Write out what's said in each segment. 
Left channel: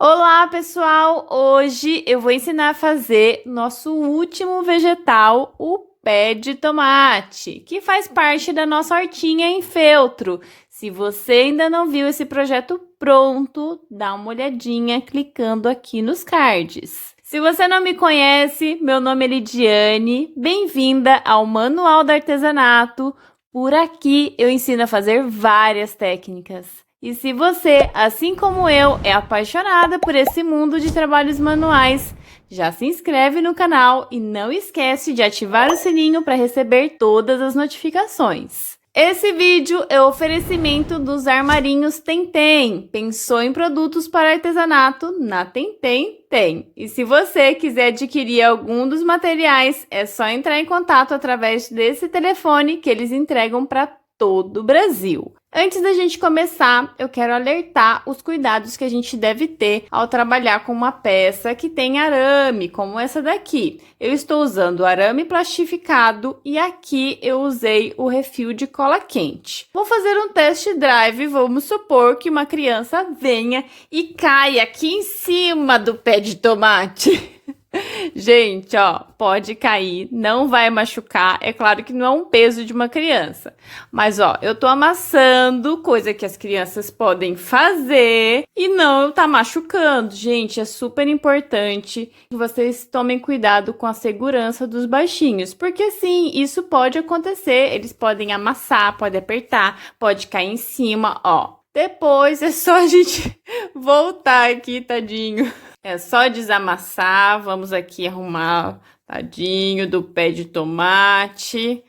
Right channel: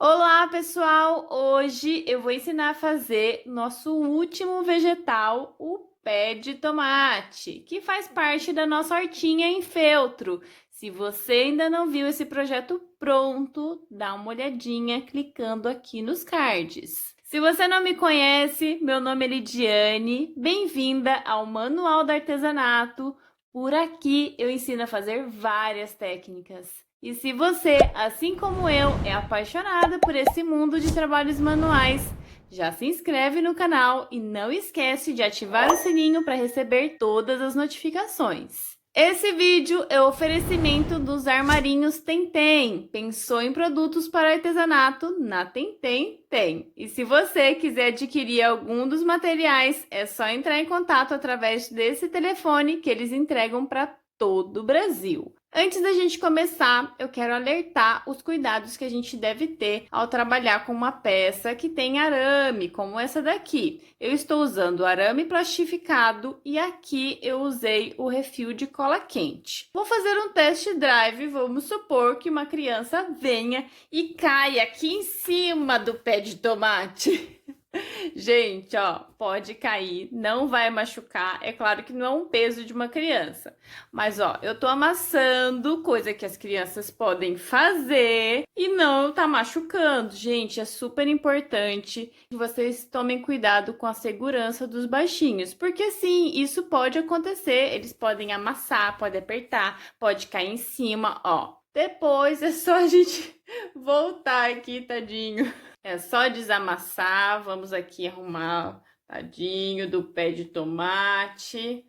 Olá, pessoal! Hoje eu vou ensinar a fazer nosso último vegetal, o pé de tomate, que faz parte da nossa hortinha em feltro. Se você ainda não viu esse projeto pronto, dá uma olhadinha clicando aqui nos cards. Se você não me conhece, meu nome é Lidiane, bem-vinda ao Manual do Artesanato. Por aqui eu ensino a fazer várias técnicas. E se você, assim como eu, é apaixonada por esse mundo de trabalhos manuais, já se inscreve no canal e não esquece de ativar o sininho para receber todas as notificações. Esse vídeo é o oferecimento dos armarinhos Tentem. Pensou em produtos para artesanato? Na Tentem tem. E se você quiser adquirir algum dos materiais, é só entrar em contato através desse telefone que eles entregam para todo o Brasil. Antes da gente começar, eu quero alertar os cuidados que a gente deve ter ao trabalhar com uma peça que tem arame, como essa daqui. Eu estou usando arame plastificado e aqui eu usei o refil de cola quente. Vou fazer um test drive, vamos supor que uma criança venha e caia aqui em cima do pé de tomate. Gente, ó, pode cair, não vai machucar. É claro que não é um peso de uma criança. Mas, ó, eu tô amassando, coisa que as crianças podem fazer e não tá machucando. Gente, é super importante que vocês tomem cuidado com a segurança dos baixinhos. Porque, sim, isso pode acontecer. Eles podem amassar, pode apertar, pode cair em cima, ó. Depois é só a gente voltar aqui, tadinho. É só desamassar, vamos aqui arrumar, tadinho, do pé de tomate.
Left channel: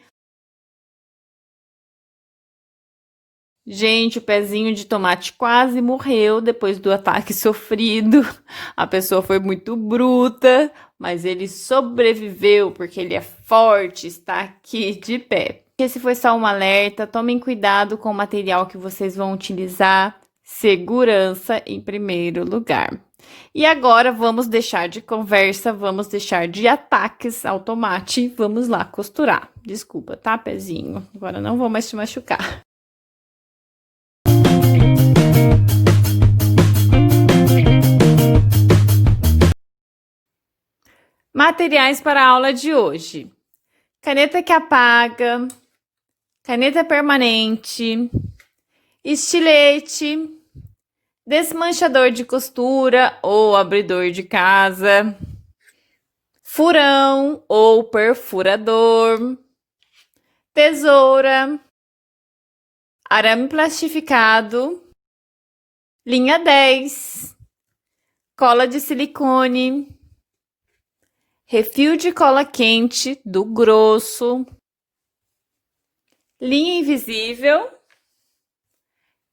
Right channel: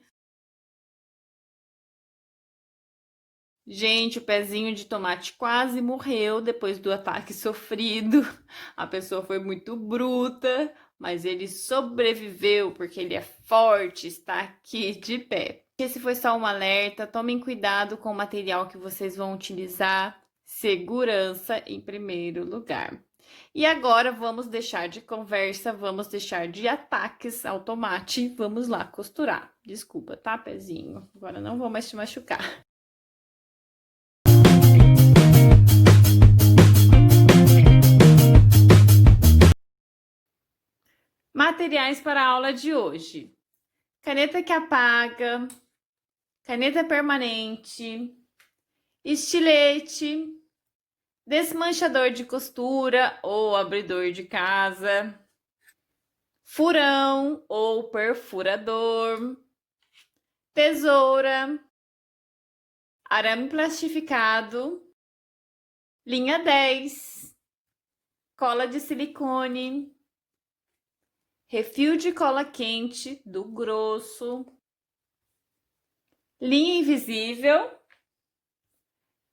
Gente, o pezinho de tomate quase morreu depois do ataque sofrido. A pessoa foi muito bruta, mas ele sobreviveu porque ele é forte, está aqui de pé. Esse foi só um alerta, tomem cuidado com o material que vocês vão utilizar. Segurança em primeiro lugar. E agora vamos deixar de conversa, vamos deixar de ataques ao tomate, vamos lá costurar. Desculpa, tá, pezinho? Agora não vou mais te machucar. Materiais para a aula de hoje: caneta que apaga, caneta permanente, estilete, desmanchador de costura ou abridor de casa, furão ou perfurador, tesoura, arame plastificado, linha 10, cola de silicone, refil de cola quente do grosso, linha invisível,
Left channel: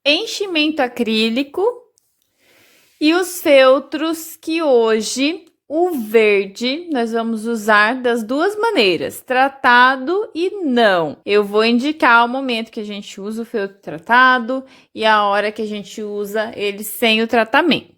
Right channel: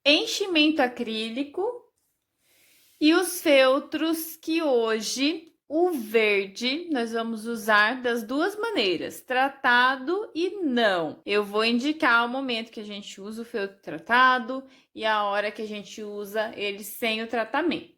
enchimento acrílico e os feltros que hoje o verde nós vamos usar das duas maneiras, tratado e não. Eu vou indicar o momento que a gente usa o feltro tratado e a hora que a gente usa ele sem o tratamento.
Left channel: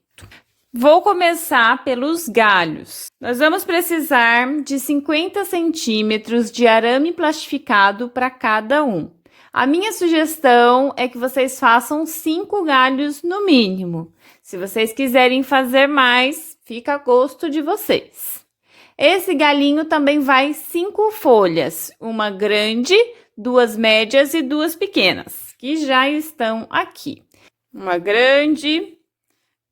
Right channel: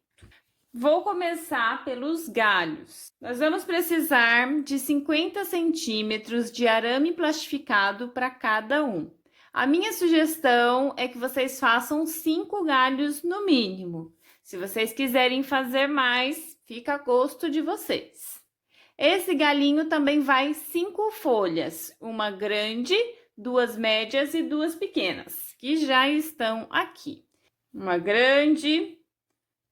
Vou começar pelos galhos. Nós vamos precisar de 50 centímetros de arame plastificado para cada um. A minha sugestão é que vocês façam 5 galhos no mínimo. Se vocês quiserem fazer mais, fica a gosto de vocês. Esse galinho também vai 5 folhas, uma grande, 2 médias e 2 pequenas, que já estão aqui. Uma grande,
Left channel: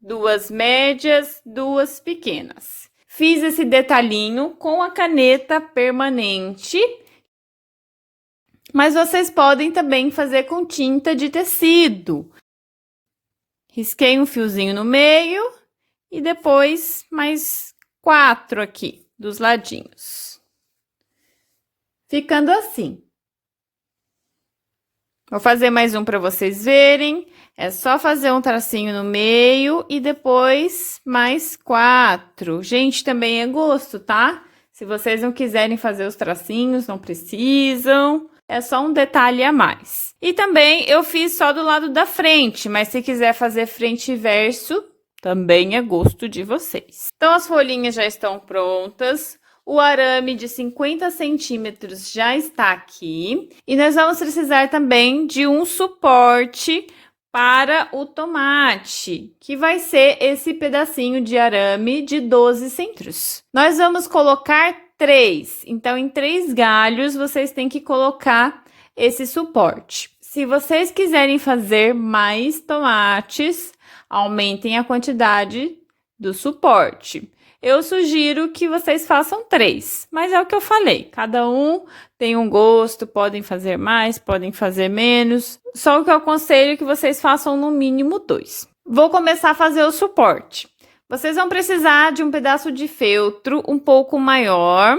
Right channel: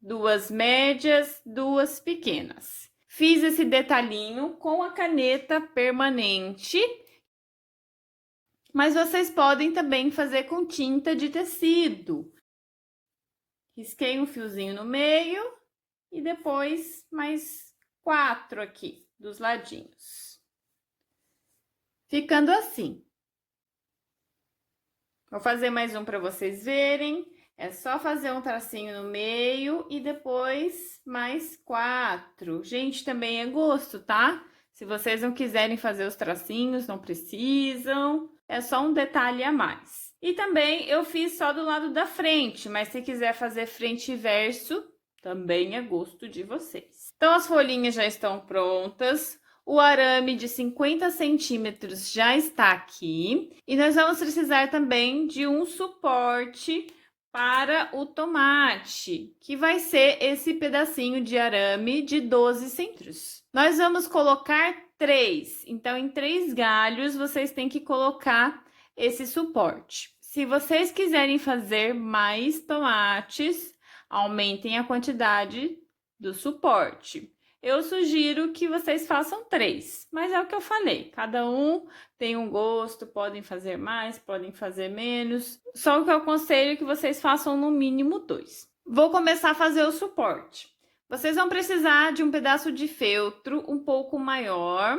2 médias, 2 pequenas. Fiz esse detalhinho com a caneta permanente, mas vocês podem também fazer com tinta de tecido. Risquei um fiozinho no meio e depois mais 4 aqui dos ladinhos. Ficando assim. Vou fazer mais um para vocês verem. É só fazer um tracinho no meio e depois mais 4. Gente, também é gosto, tá? Se vocês não quiserem fazer os tracinhos, não precisam. É só um detalhe a mais. E também eu fiz só do lado da frente, mas se quiser fazer frente e verso, também é gosto de vocês. Então, as folhinhas já estão prontas. O arame de 50 centímetros já está aqui. E nós vamos precisar também de um suporte para o tomate, que vai ser esse pedacinho de arame de 12 centímetros. Nós vamos colocar 3, então em 3 galhos vocês têm que colocar esse suporte. Se vocês quiserem fazer mais tomates, aumentem a quantidade do suporte. Eu sugiro que vocês façam 3, mas é o que eu falei, cada um tem um gosto, podem fazer mais, podem fazer menos. Só o que eu aconselho é que vocês façam no mínimo 2. Vou começar a fazer o suporte. Vocês vão precisar de um pedaço de feltro um pouco maior.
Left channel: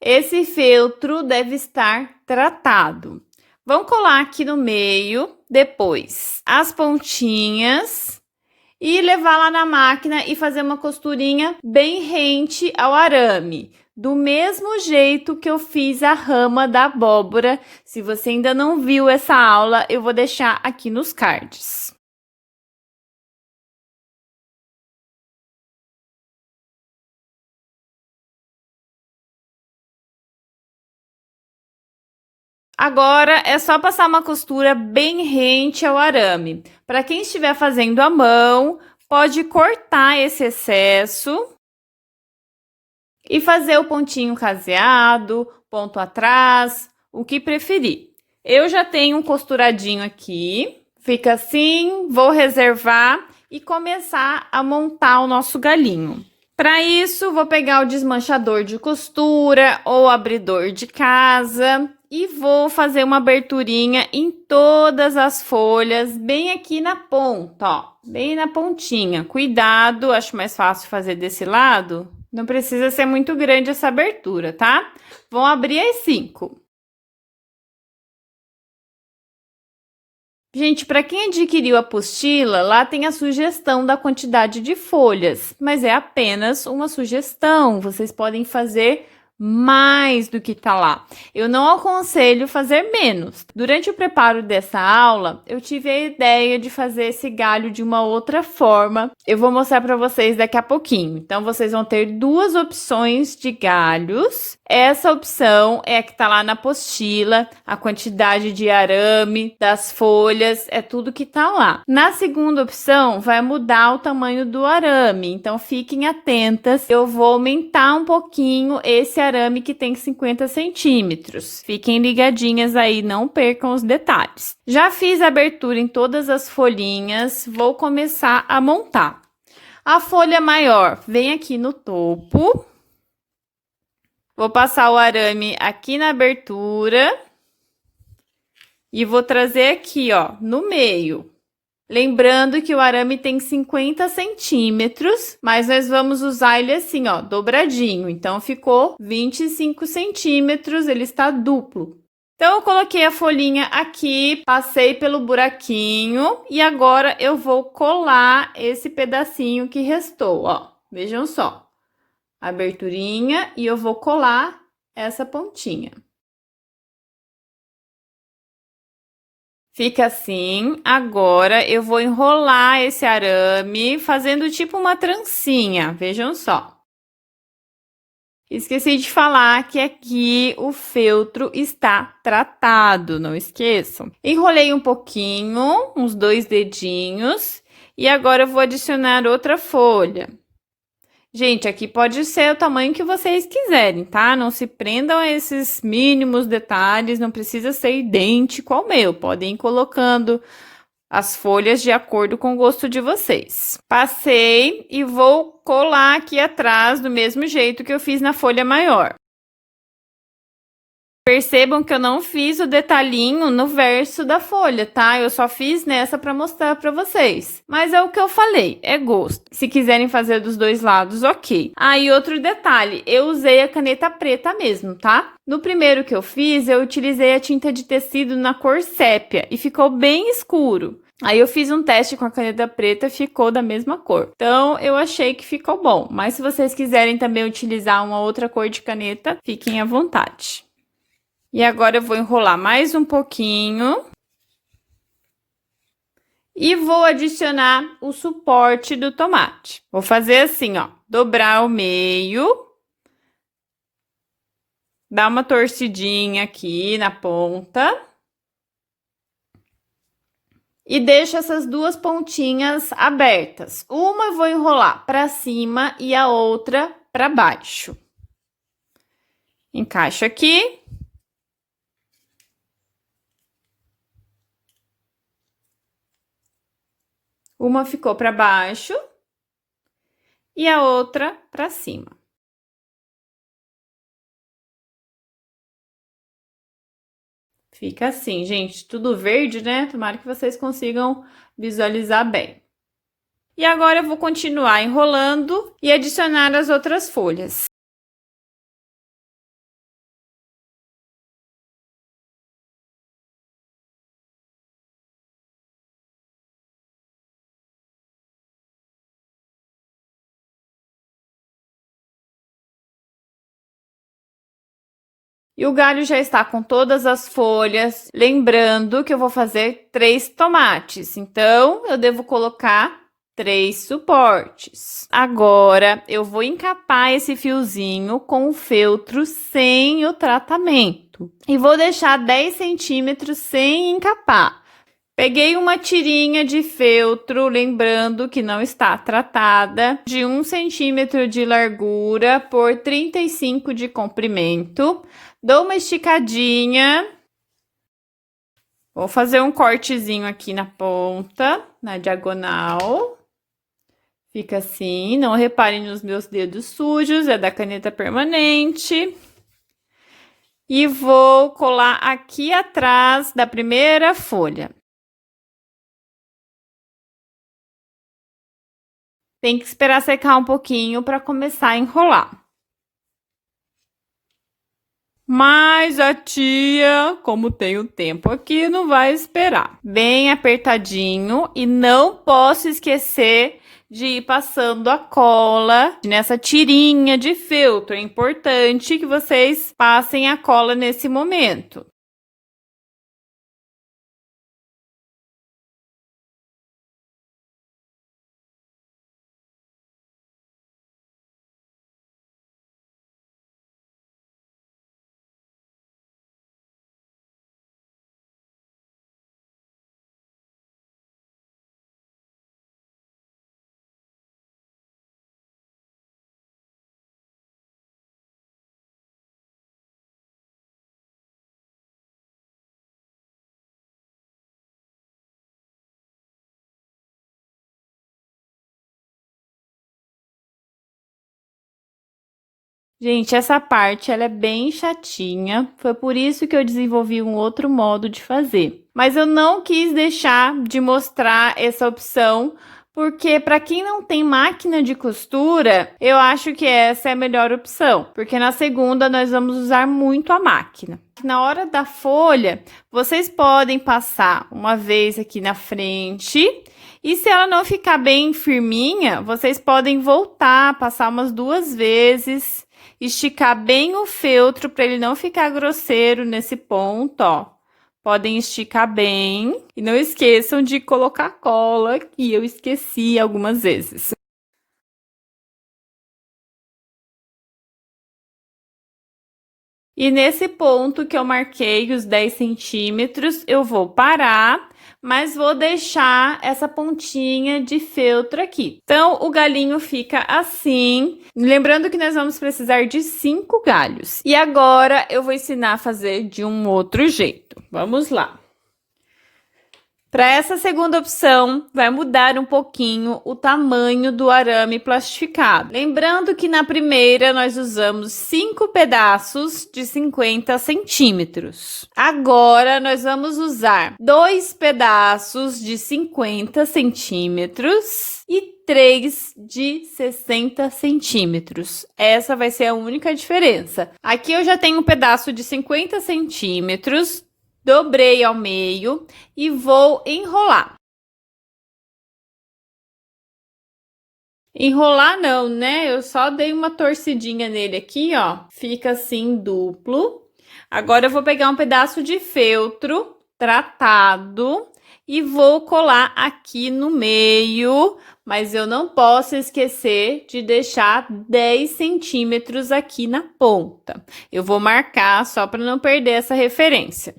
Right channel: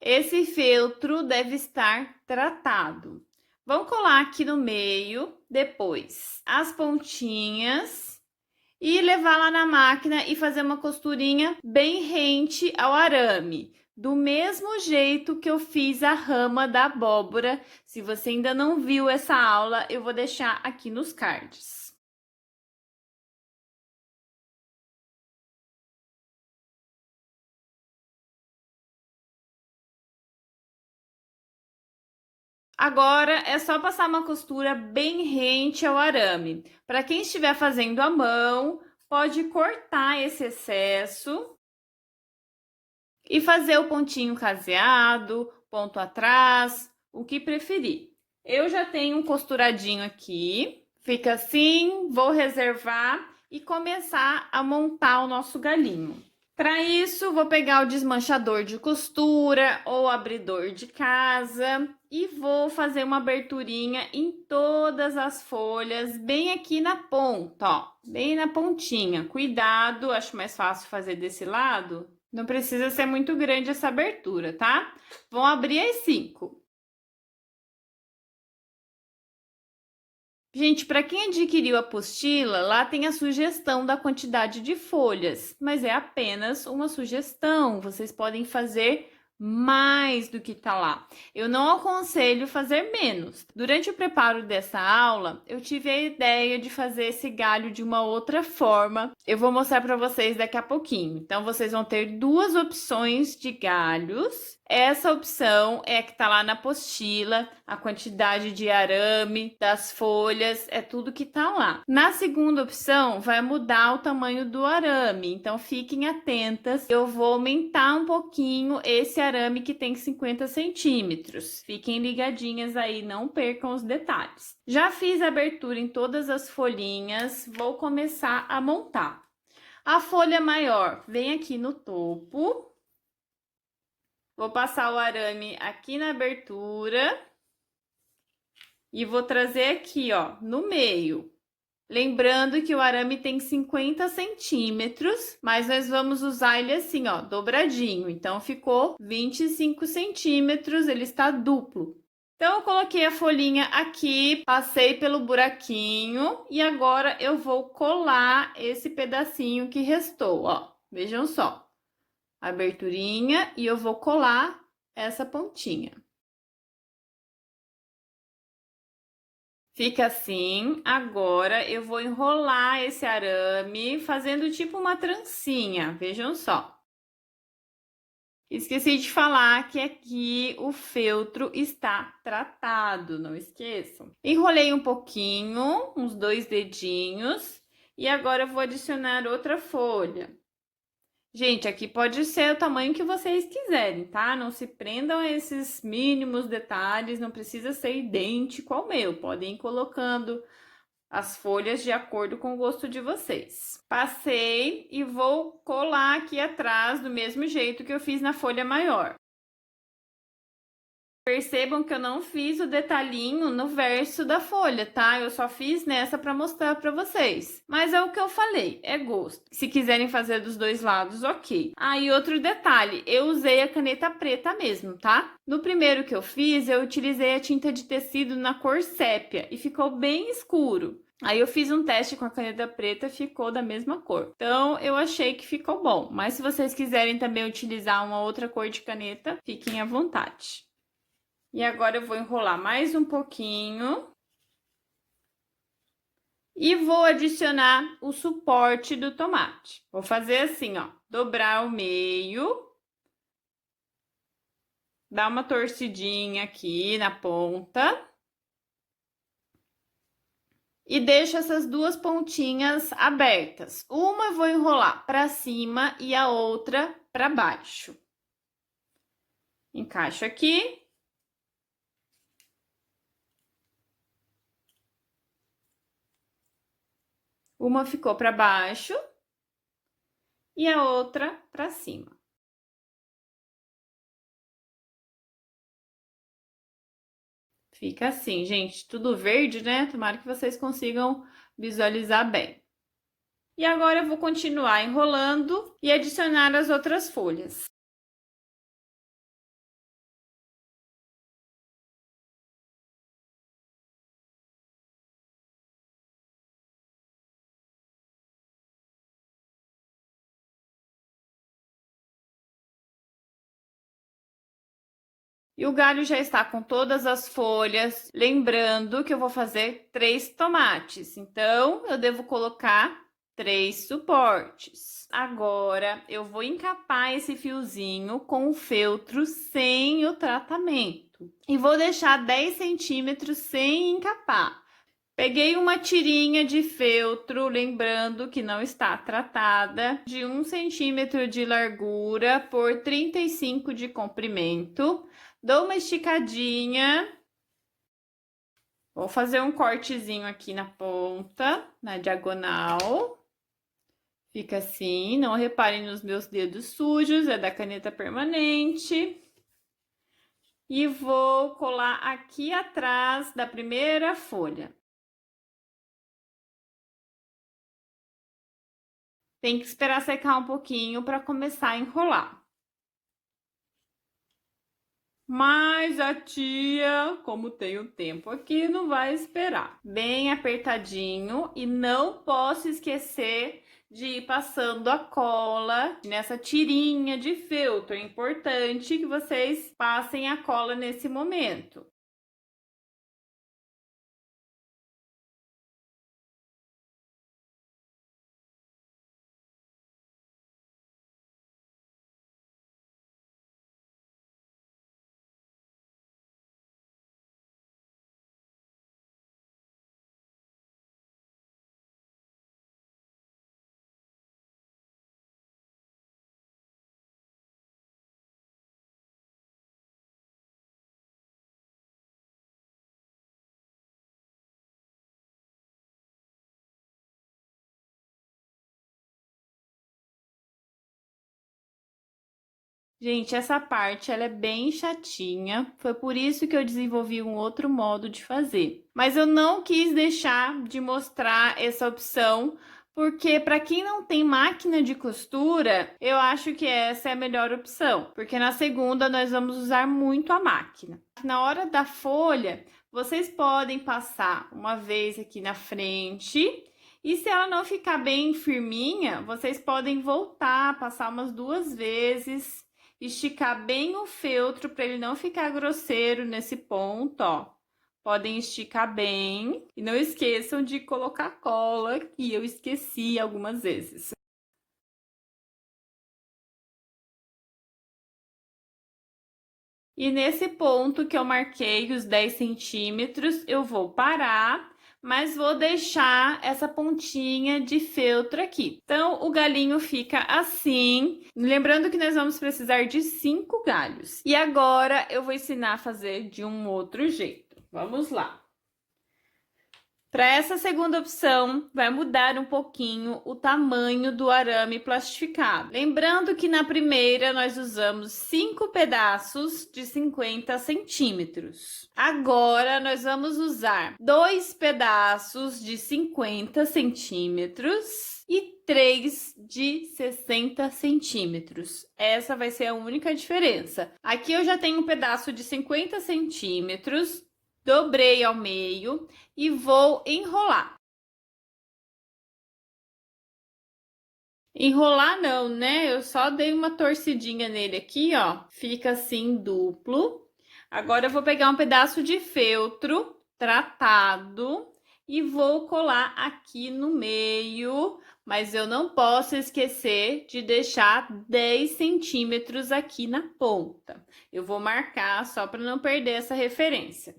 Esse feltro deve estar tratado. Vamos colar aqui no meio, depois as pontinhas e levar lá na máquina e fazer uma costurinha bem rente ao arame. Do mesmo jeito que eu fiz a rama da abóbora. Se você ainda não viu essa aula, eu vou deixar aqui nos cards. Agora é só passar uma costura bem rente ao arame. Para quem estiver fazendo à mão, pode cortar esse excesso e fazer o pontinho caseado, ponto atrás, o que preferir. Eu já tenho um costuradinho aqui, fica assim, vou reservar e começar a montar o nosso galinho. Para isso, vou pegar o desmanchador de costura ou abridor de casa e vou fazer uma aberturinha em todas as folhas, bem aqui na ponta, ó, bem na pontinha. Cuidado, acho mais fácil fazer desse lado. Não precisa ser muito grande essa abertura, tá? Vão abrir as 5. Gente, para quem adquiriu a apostila, lá tem a sugestão da quantidade de folhas, mas é apenas uma sugestão. Vocês podem fazer mais do que tá lá. Eu não aconselho fazer menos. Durante o preparo dessa aula, eu tive a ideia de fazer esse galho de uma outra forma. Eu vou mostrar para vocês daqui a pouquinho. Então, vocês vão ter 2 opções de galhos. Essa opção é a que tá lá na apostila, a quantidade de arame, das folhas, é tudo que tá lá. Na segunda opção, vai mudar o tamanho do arame, então fiquem atentas. Eu vou aumentar um pouquinho esse arame que tem 50 centímetros. Fiquem ligadinhas aí, não percam os detalhes. Já fiz a abertura em todas as folhinhas, vou começar a montar. A folha maior vem aqui no topo. Vou passar o arame aqui na abertura e vou trazer aqui, ó, no meio. Lembrando que o arame tem 50 centímetros, mas nós vamos usar ele assim, ó, dobradinho. Então, ficou 25 centímetros, ele está duplo. Então, eu coloquei a folhinha aqui, passei pelo buraquinho e agora eu vou colar esse pedacinho que restou, ó. Vejam só. Aberturinha e eu vou colar essa pontinha. Fica assim. Agora eu vou enrolar esse arame fazendo tipo uma trancinha, vejam só. Esqueci de falar que aqui o feltro está tratado, não esqueçam. Enrolei um pouquinho, uns 2 dedinhos, e agora eu vou adicionar outra folha. Gente, aqui pode ser o tamanho que vocês quiserem, tá? Não se prendam a esses mínimos detalhes, não precisa ser idêntico ao meu. Podem ir colocando as folhas de acordo com o gosto de vocês. Passei e vou colar aqui atrás do mesmo jeito que eu fiz na folha maior. Percebam que eu não fiz o detalhinho no verso da folha, tá? Eu só fiz nessa para mostrar para vocês. Mas é o que eu falei, é gosto. Se quiserem fazer dos 2 lados, ok. Aí, outro detalhe, eu usei a caneta preta mesmo, tá? No primeiro que eu fiz, eu utilizei a tinta de tecido na cor sépia e ficou bem escuro. Aí eu fiz um teste com a caneta preta, ficou da mesma cor. Então, eu achei que ficou bom. Mas se vocês quiserem também utilizar uma outra cor de caneta, fiquem à vontade. E agora eu vou enrolar mais um pouquinho. E vou adicionar o suporte do tomate. Vou fazer assim, ó, dobrar ao meio. Dar uma torcidinha aqui na ponta. E deixo essas duas pontinhas abertas. Uma eu vou enrolar para cima e a outra para baixo. Encaixo aqui. Uma ficou para baixo e a outra para cima. Fica assim, gente, tudo verde, né? Tomara que vocês consigam visualizar bem. E agora eu vou continuar enrolando e adicionar as outras folhas. E o galho já está com todas as folhas. Lembrando que eu vou fazer 3 tomates. Então, eu devo colocar 3 suportes. Agora, eu vou encapar esse fiozinho com o feltro sem o tratamento. E vou deixar 10 centímetros sem encapar. Peguei uma tirinha de feltro, lembrando que não está tratada, de 1 centímetro de largura por 35 de comprimento. Dou uma esticadinha. Vou fazer um cortezinho aqui na ponta, na diagonal. Fica assim, não reparem nos meus dedos sujos, é da caneta permanente. E vou colar aqui atrás da primeira folha. Tem que esperar secar um pouquinho para começar a enrolar. Mas a tia, como tem o tempo aqui, não vai esperar. Bem apertadinho e não posso esquecer de ir passando a cola nessa tirinha de feltro. É importante que vocês passem a cola nesse momento. Gente, essa parte ela é bem chatinha, foi por isso que eu desenvolvi um outro modo de fazer. Mas eu não quis deixar de mostrar essa opção, porque para quem não tem máquina de costura, eu acho que essa é a melhor opção, porque na segunda nós vamos usar muito a máquina. Na hora da folha, vocês podem passar uma vez aqui na frente. E se ela não ficar bem firminha, vocês podem voltar, passar umas 2 vezes. Esticar bem o feltro para ele não ficar grosseiro nesse ponto, ó. Podem esticar bem e não esqueçam de colocar cola, que eu esqueci algumas vezes. E nesse ponto que eu marquei os 10 centímetros, eu vou parar, mas vou deixar essa pontinha de feltro aqui. Então, o galinho fica assim. Lembrando que nós vamos precisar de 5 galhos. E agora, eu vou ensinar a fazer de um outro jeito. Vamos lá. Para essa segunda opção, vai mudar um pouquinho o tamanho do arame plastificado. Lembrando que na primeira nós usamos 5 pedaços de 50 centímetros. Agora nós vamos usar 2 pedaços de 50 centímetros e 3 de 60 centímetros. Essa vai ser a única diferença. Aqui eu já tenho um pedaço de 50 centímetros. Dobrei ao meio e vou enrolar. Enrolar não, né? Eu só dei uma torcidinha nele aqui, ó. Fica assim duplo. Agora eu vou pegar um pedaço de feltro tratado e vou colar aqui no meio, mas eu não posso esquecer de deixar 10 centímetros aqui na ponta. Eu vou marcar só para não perder essa referência.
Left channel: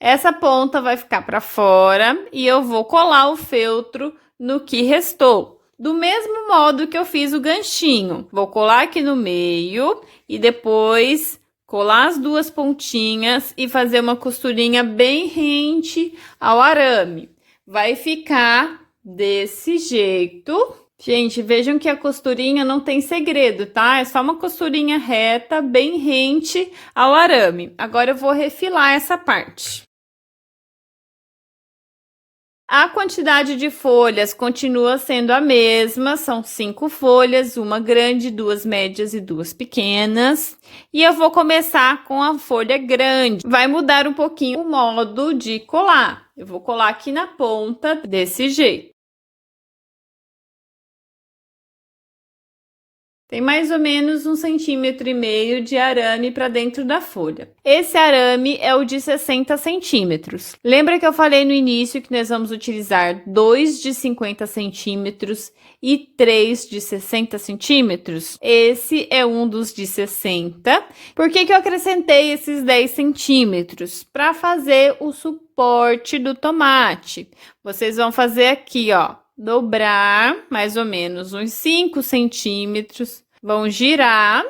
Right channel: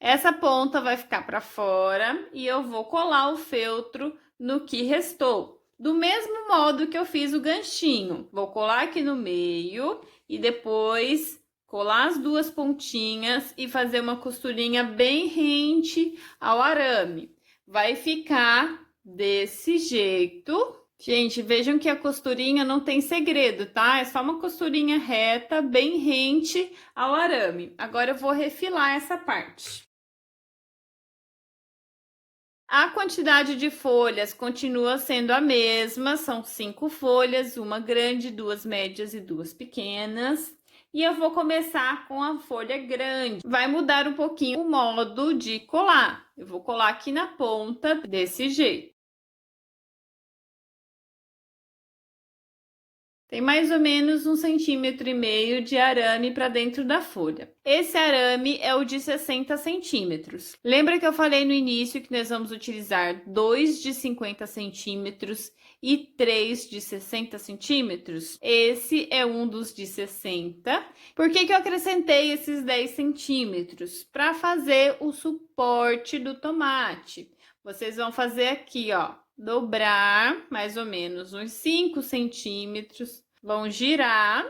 Essa ponta vai ficar para fora e eu vou colar o feltro no que restou. Do mesmo modo que eu fiz o ganchinho. Vou colar aqui no meio e depois colar as duas pontinhas e fazer uma costurinha bem rente ao arame. Vai ficar desse jeito. Gente, vejam que a costurinha não tem segredo, tá? É só uma costurinha reta, bem rente ao arame. Agora eu vou refilar essa parte. A quantidade de folhas continua sendo a mesma, são 5 folhas, uma grande, 2 médias e 2 pequenas. E eu vou começar com a folha grande. Vai mudar um pouquinho o modo de colar. Eu vou colar aqui na ponta desse jeito. Tem mais ou menos 1,5 cm de arame para dentro da folha. Esse arame é o de 60 centímetros. Lembra que eu falei no início que nós vamos utilizar 2 de 50 centímetros e 3 de 60 centímetros? Esse é um dos de 60. Por que eu acrescentei esses 10 centímetros? Para fazer o suporte do tomate. Vocês vão fazer aqui, ó. Dobrar mais ou menos uns 5 centímetros, vão girar.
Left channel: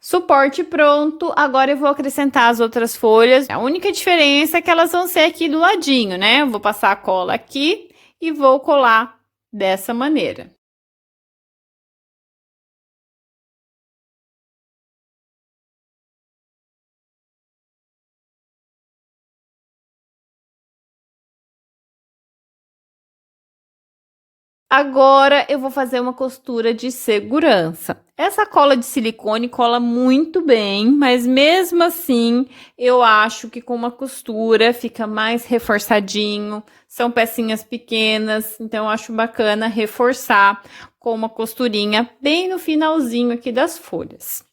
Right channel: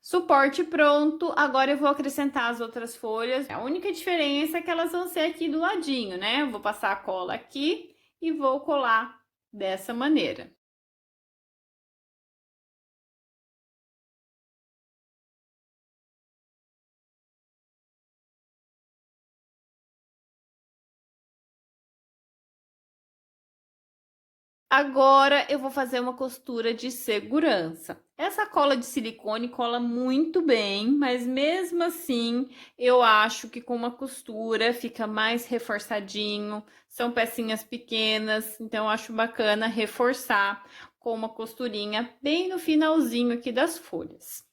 Suporte pronto, agora eu vou acrescentar as outras folhas. A única diferença é que elas vão ser aqui do ladinho, né? Eu vou passar a cola aqui e vou colar dessa maneira. Agora eu vou fazer uma costura de segurança. Essa cola de silicone cola muito bem, mas mesmo assim eu acho que com uma costura fica mais reforçadinho. São pecinhas pequenas, então eu acho bacana reforçar com uma costurinha bem no finalzinho aqui das folhas.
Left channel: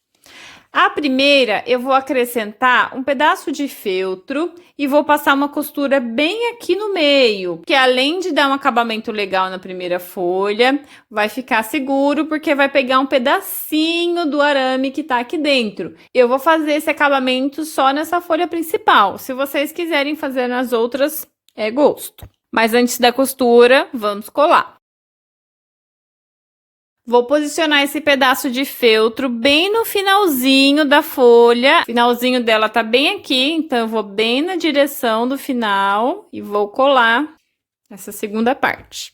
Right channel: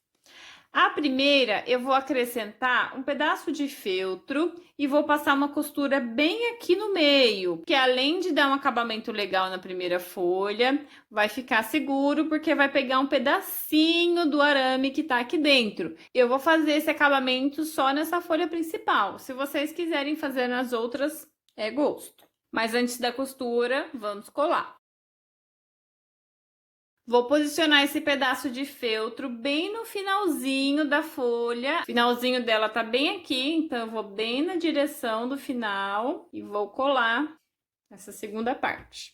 A primeira, eu vou acrescentar um pedaço de feltro e vou passar uma costura bem aqui no meio, que além de dar um acabamento legal na primeira folha, vai ficar seguro porque vai pegar um pedacinho do arame que tá aqui dentro. Eu vou fazer esse acabamento só nessa folha principal. Se vocês quiserem fazer nas outras, é gosto. Mas antes da costura, vamos colar. Vou posicionar esse pedaço de feltro bem no finalzinho da folha. O finalzinho dela tá bem aqui, então eu vou bem na direção do final e vou colar essa segunda parte.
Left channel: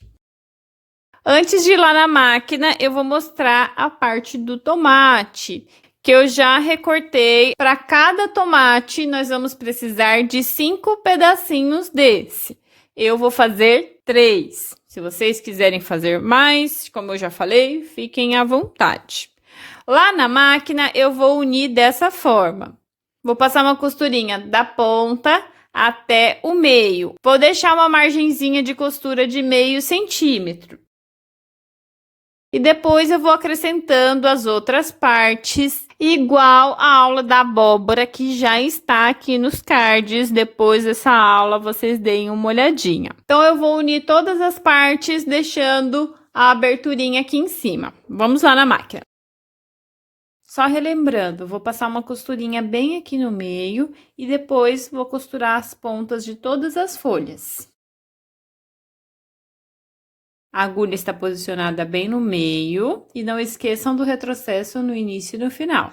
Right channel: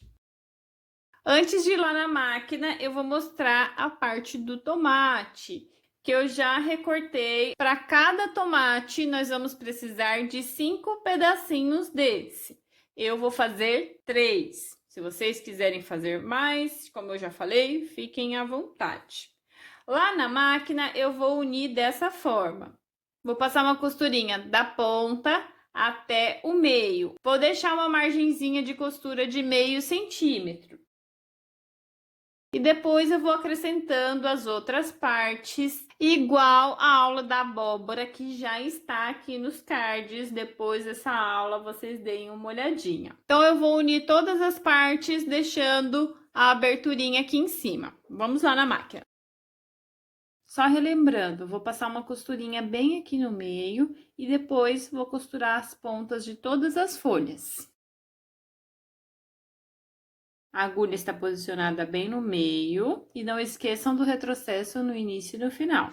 Antes de ir lá na máquina, eu vou mostrar a parte do tomate, que eu já recortei. Para cada tomate, nós vamos precisar de 5 pedacinhos desse. Eu vou fazer 3. Se vocês quiserem fazer mais, como eu já falei, fiquem à vontade. Lá na máquina, eu vou unir dessa forma. Vou passar uma costurinha da ponta até o meio. Vou deixar uma margenzinha de costura de meio centímetro. E depois eu vou acrescentando as outras partes, igual a aula da abóbora, que já está aqui nos cards. Depois dessa aula, vocês deem uma olhadinha. Então, eu vou unir todas as partes, deixando a aberturinha aqui em cima. Vamos lá na máquina. Só relembrando, vou passar uma costurinha bem aqui no meio e depois vou costurar as pontas de todas as folhas. A agulha está posicionada bem no meio e não esqueçam do retrocesso no início e no final.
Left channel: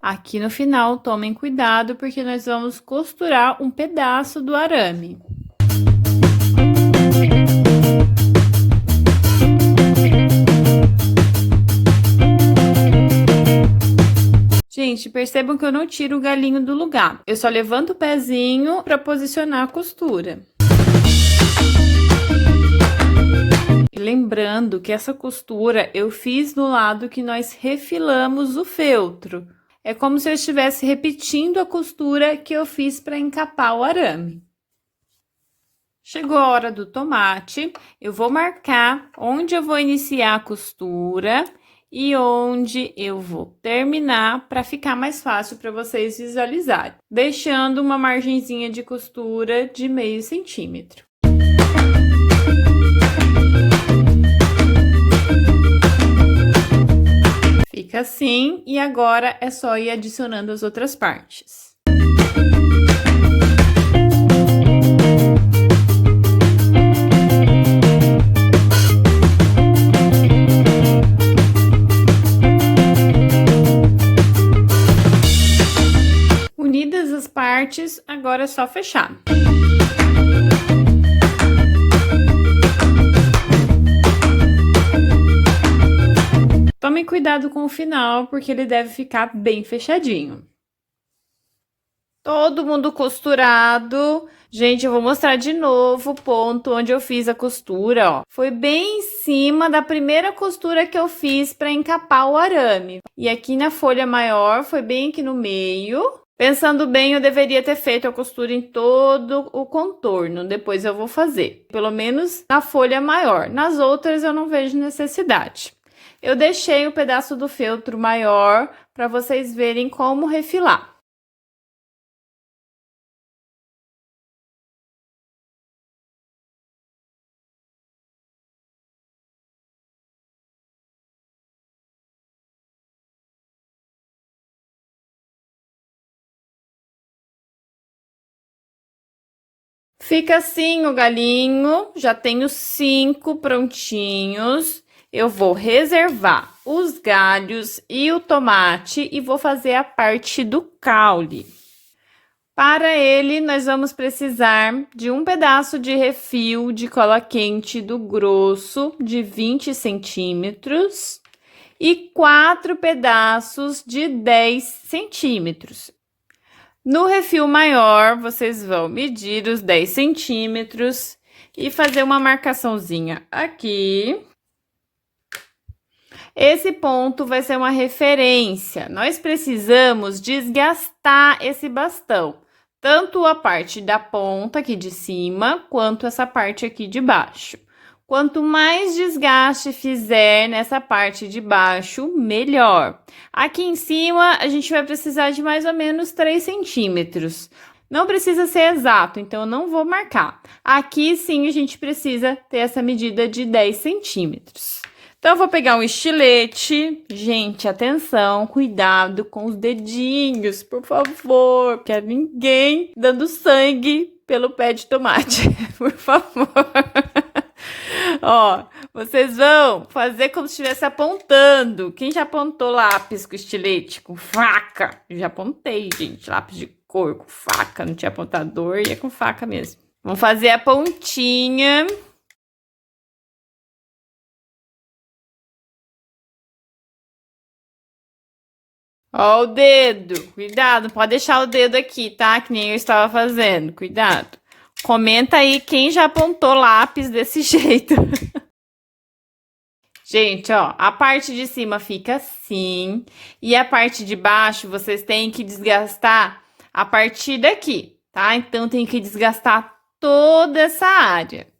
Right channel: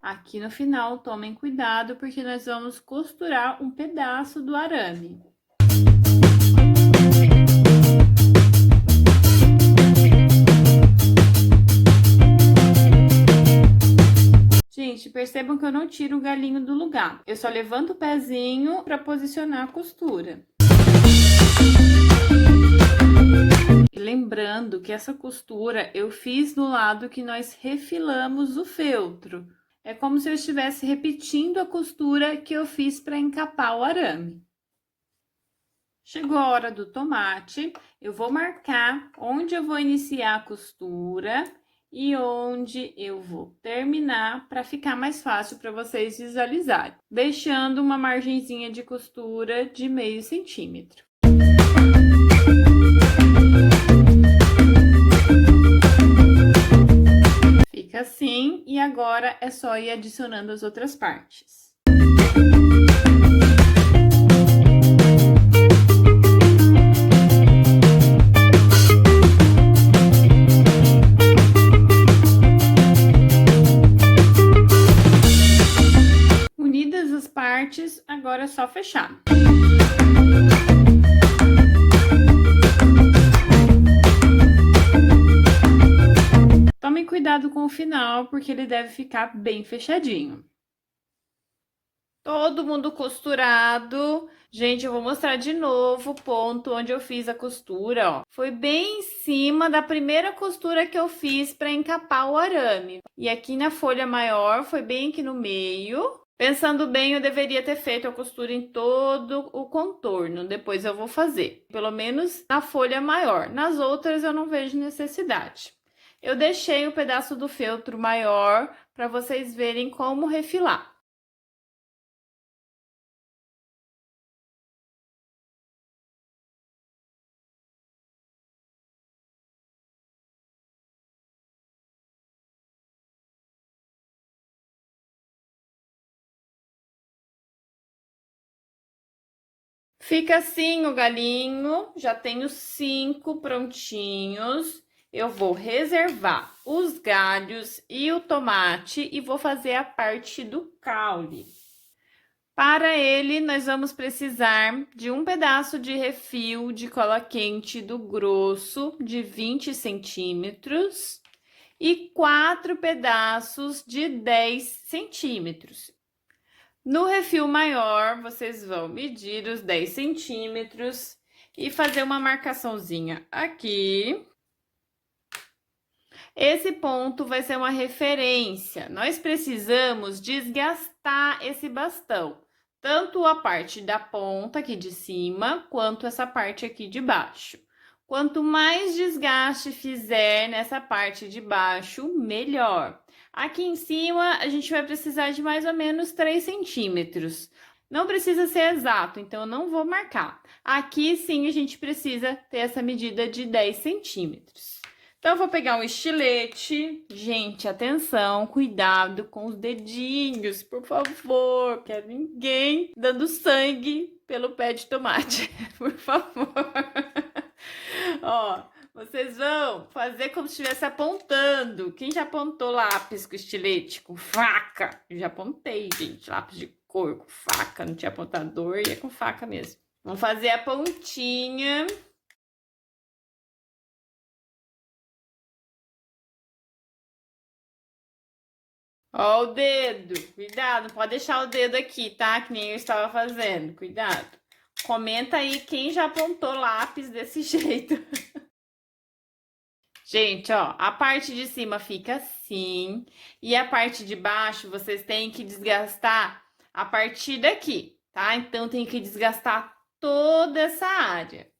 Aqui no final, tomem cuidado porque nós vamos costurar um pedaço do arame. Gente, percebam que eu não tiro o galinho do lugar. Eu só levanto o pezinho para posicionar a costura. Lembrando que essa costura eu fiz no lado que nós refilamos o feltro. É como se eu estivesse repetindo a costura que eu fiz para encapar o arame. Chegou a hora do tomate, eu vou marcar onde eu vou iniciar a costura e onde eu vou terminar para ficar mais fácil para vocês visualizarem, deixando uma margenzinha de costura de meio centímetro. Fica fica assim, e agora é só ir adicionando as outras partes. Unidas as partes, agora é só fechar. Tome cuidado com o final, porque ele deve ficar bem fechadinho. Todo mundo costurado. Gente, eu vou mostrar de novo o ponto onde eu fiz a costura, ó. Foi bem em cima da primeira costura que eu fiz para encapar o arame. E aqui na folha maior, foi bem aqui no meio. Pensando bem, eu deveria ter feito a costura em todo o contorno. Depois eu vou fazer, pelo menos na folha maior. Nas outras eu não vejo necessidade. Eu deixei o pedaço do feltro maior para vocês verem como refilar. Fica assim o galinho, já tenho 5 prontinhos. Eu vou reservar os galhos e o tomate e vou fazer a parte do caule. Para ele, nós vamos precisar de um pedaço de refil de cola quente do grosso de 20 centímetros e 4 pedaços de 10 centímetros. No refil maior, vocês vão medir os 10 centímetros e fazer uma marcaçãozinha aqui. Esse ponto vai ser uma referência. Nós precisamos desgastar esse bastão, tanto a parte da ponta aqui de cima, quanto essa parte aqui de baixo. Quanto mais desgaste fizer nessa parte de baixo, melhor. Aqui em cima, a gente vai precisar de mais ou menos 3 centímetros. Não precisa ser exato, então eu não vou marcar. Aqui, sim, a gente precisa ter essa medida de 10 centímetros. Então, eu vou pegar um estilete. Gente, atenção, cuidado com os dedinhos, por favor. Não quero ninguém dando sangue pelo pé de tomate, por favor. Ó, vocês vão fazer como se estivesse apontando. Quem já apontou lápis com estilete, com faca? Eu já apontei, gente, lápis de cor com faca. Não tinha apontador e é com faca mesmo. Vamos fazer a pontinha. Ó o dedo, cuidado, não pode deixar o dedo aqui, tá? Que nem eu estava fazendo, cuidado. Comenta aí quem já apontou lápis desse jeito. Gente, ó, a parte de cima fica assim, e a parte de baixo vocês têm que desgastar a partir daqui, tá? Então, tem que desgastar toda essa área.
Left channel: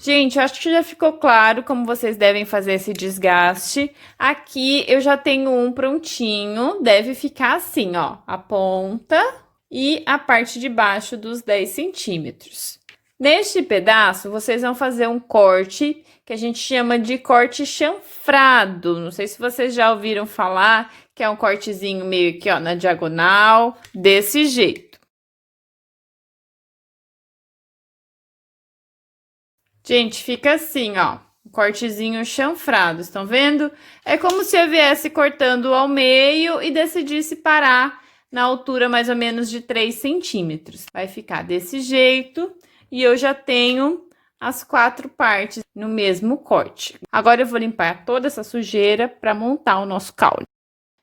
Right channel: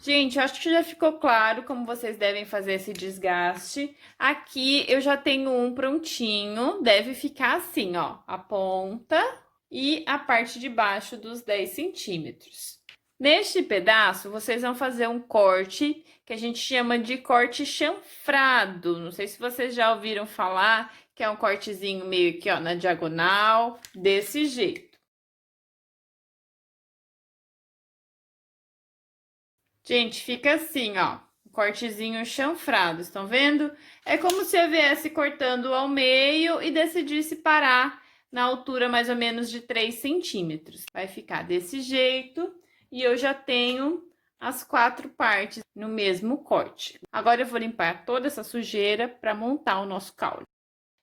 Gente, eu acho que já ficou claro como vocês devem fazer esse desgaste. Aqui eu já tenho um prontinho, deve ficar assim, ó, a ponta e a parte de baixo dos 10 centímetros. Neste pedaço, vocês vão fazer um corte que a gente chama de corte chanfrado. Não sei se vocês já ouviram falar, que é um cortezinho meio que, ó, na diagonal, desse jeito. Gente, fica assim, ó, um cortezinho chanfrado, estão vendo? É como se eu viesse cortando ao meio e decidisse parar na altura mais ou menos de 3 centímetros. Vai ficar desse jeito e eu já tenho as 4 partes no mesmo corte. Agora eu vou limpar toda essa sujeira para montar o nosso caule.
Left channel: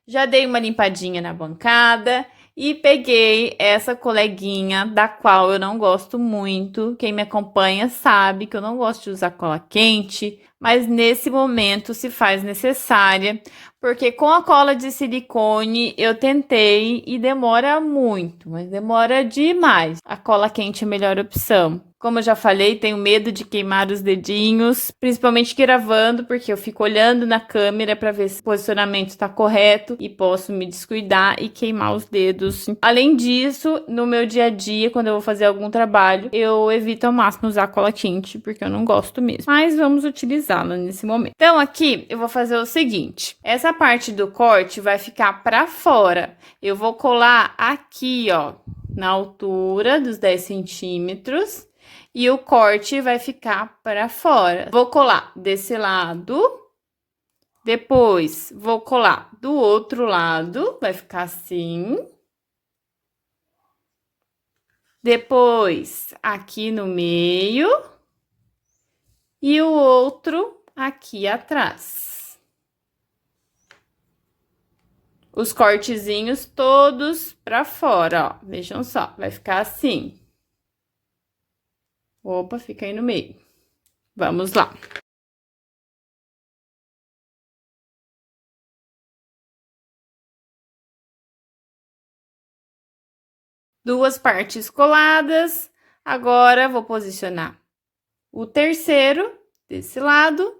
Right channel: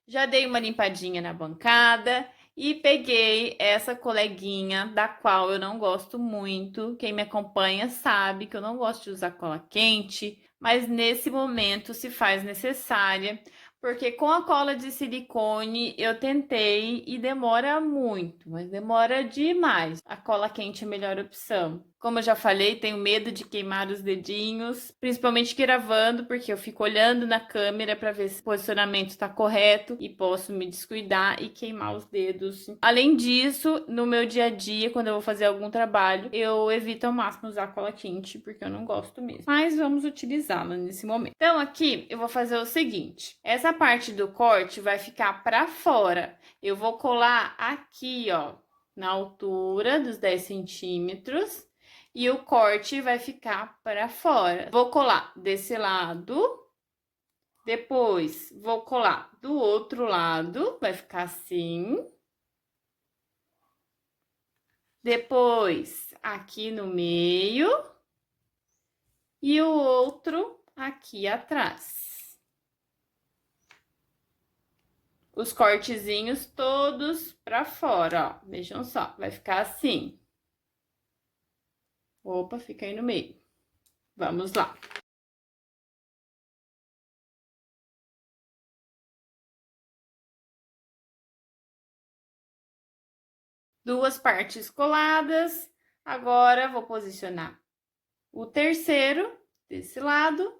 Já dei uma limpadinha na bancada e peguei essa coleguinha, da qual eu não gosto muito. Quem me acompanha sabe que eu não gosto de usar cola quente, mas nesse momento se faz necessária, Porque com a cola de silicone eu tentei e demora muito, mas demora demais. A cola quente é a melhor opção. Como eu já falei, tenho medo de queimar os dedinhos, principalmente gravando, porque eu fico olhando na câmera para ver se o posicionamento está correto e posso me descuidar e queimar os dedos. Além disso, no meu dia a dia, quando eu vou fazer algum trabalho, eu evito ao máximo usar cola quente, porque eu não gosto mesmo. Mas vamos utilizá-la nesse momento. Então aqui eu vou fazer o seguinte, essa parte do corte vai ficar para fora. Eu vou colar aqui, ó, na altura dos 10 centímetros. E o corte vai ficar para fora. Vou colar desse lado. Depois, vou colar do outro lado. Vai ficar assim. Depois, aqui no meio. E o outro aqui atrás. Os cortezinhos todos para fora, ó. Vejam só, vai ficar assim. Opa, fica aí no meio. Vamos lá. Duas partes coladas. Agora, vou posicionar o terceiro desse lado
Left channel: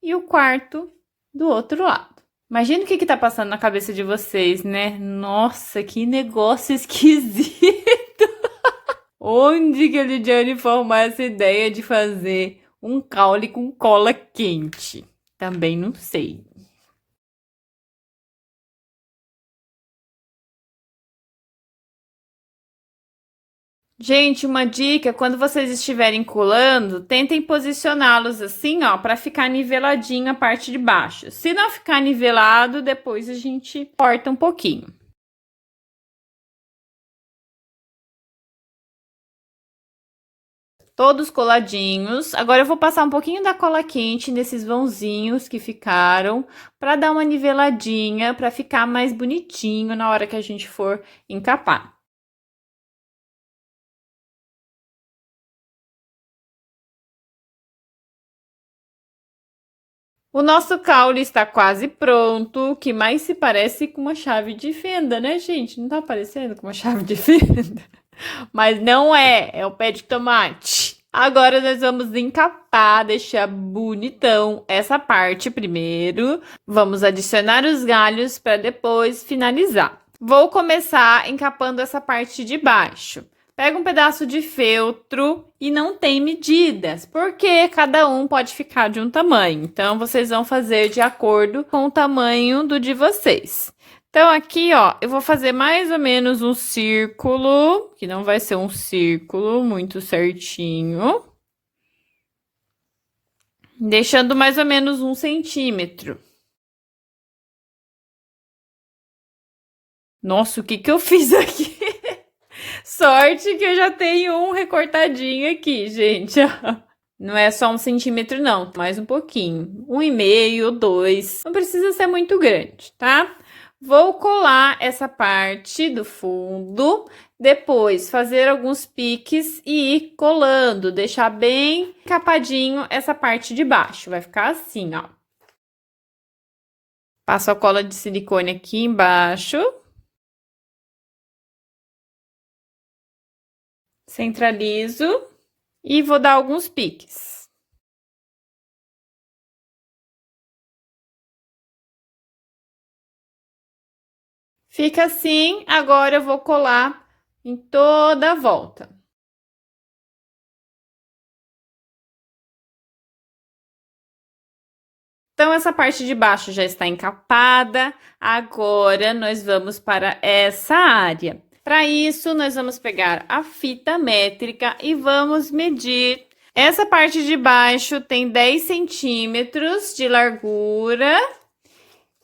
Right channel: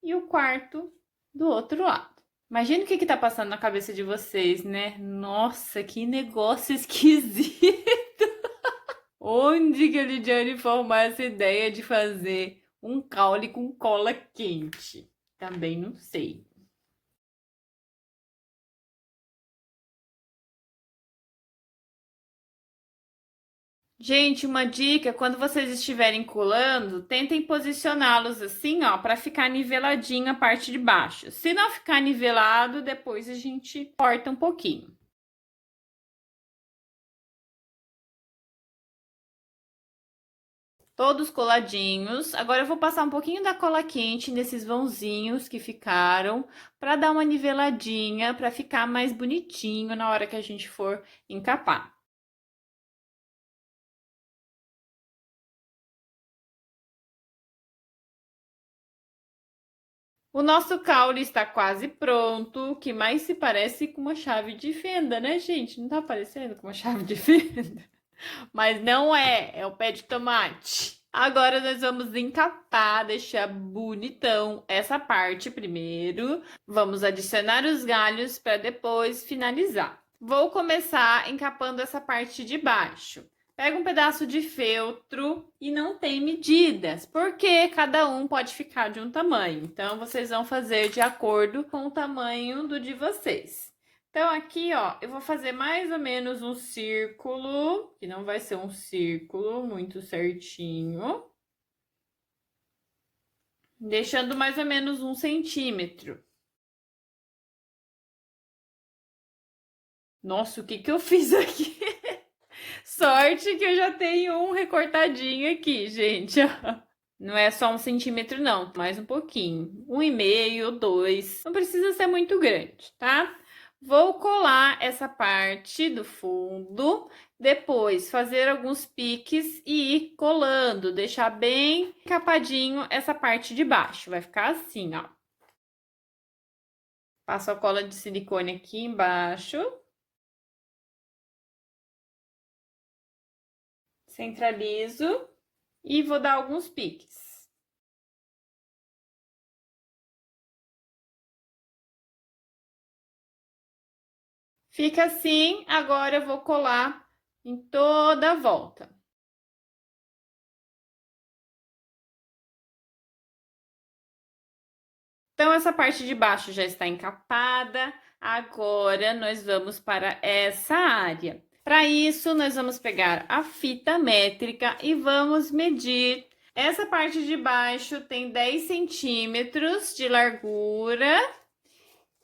e o quarto do outro lado. Imagina o que tá passando na cabeça de vocês, né? Nossa, que negócio esquisito! Onde que a Lidiane formou essa ideia de fazer um caule com cola quente? Também não sei. Gente, uma dica, quando vocês estiverem colando, tentem posicioná-los assim, ó, para ficar niveladinho a parte de baixo. Se não ficar nivelado, depois a gente corta um pouquinho. Todos coladinhos. Agora eu vou passar um pouquinho da cola quente nesses vãozinhos que ficaram, para dar uma niveladinha, para ficar mais bonitinho na hora que a gente for encapar. O nosso caule está quase pronto, que mais se parece com uma chave de fenda, né, gente? Não tá parecendo com uma chave de fenda? Mas não é, é o pé de tomate. Agora nós vamos encapar, deixar bonitão essa parte primeiro. Vamos adicionar os galhos para depois finalizar. Vou começar encapando essa parte de baixo. Pega um pedaço de feltro e não tem medidas, porque cada um pode ficar de um tamanho. Então, vocês vão fazer de acordo com o tamanho do de vocês. Então, aqui, ó, eu vou fazer mais ou menos um círculo, que não vai ser um círculo muito certinho. Deixando mais ou menos 1 centímetro. Nossa, o que que eu fiz aqui? Sorte que eu já tenho um recortadinho aqui, gente. Não é só 1 centímetro, não, mais um pouquinho. 1,5, 2. Não precisa ser muito grande, tá? Vou colar essa parte do fundo, depois fazer alguns piques e ir colando, deixar bem capadinho essa parte de baixo. Vai ficar assim, ó. Passo a cola de silicone aqui embaixo. Centralizo e vou dar alguns piques. Fica assim, agora eu vou colar em toda a volta. Então, essa parte de baixo já está encapada, agora nós vamos para essa área. Para isso, nós vamos pegar a fita métrica e vamos medir. Essa parte de baixo tem 10 centímetros de largura.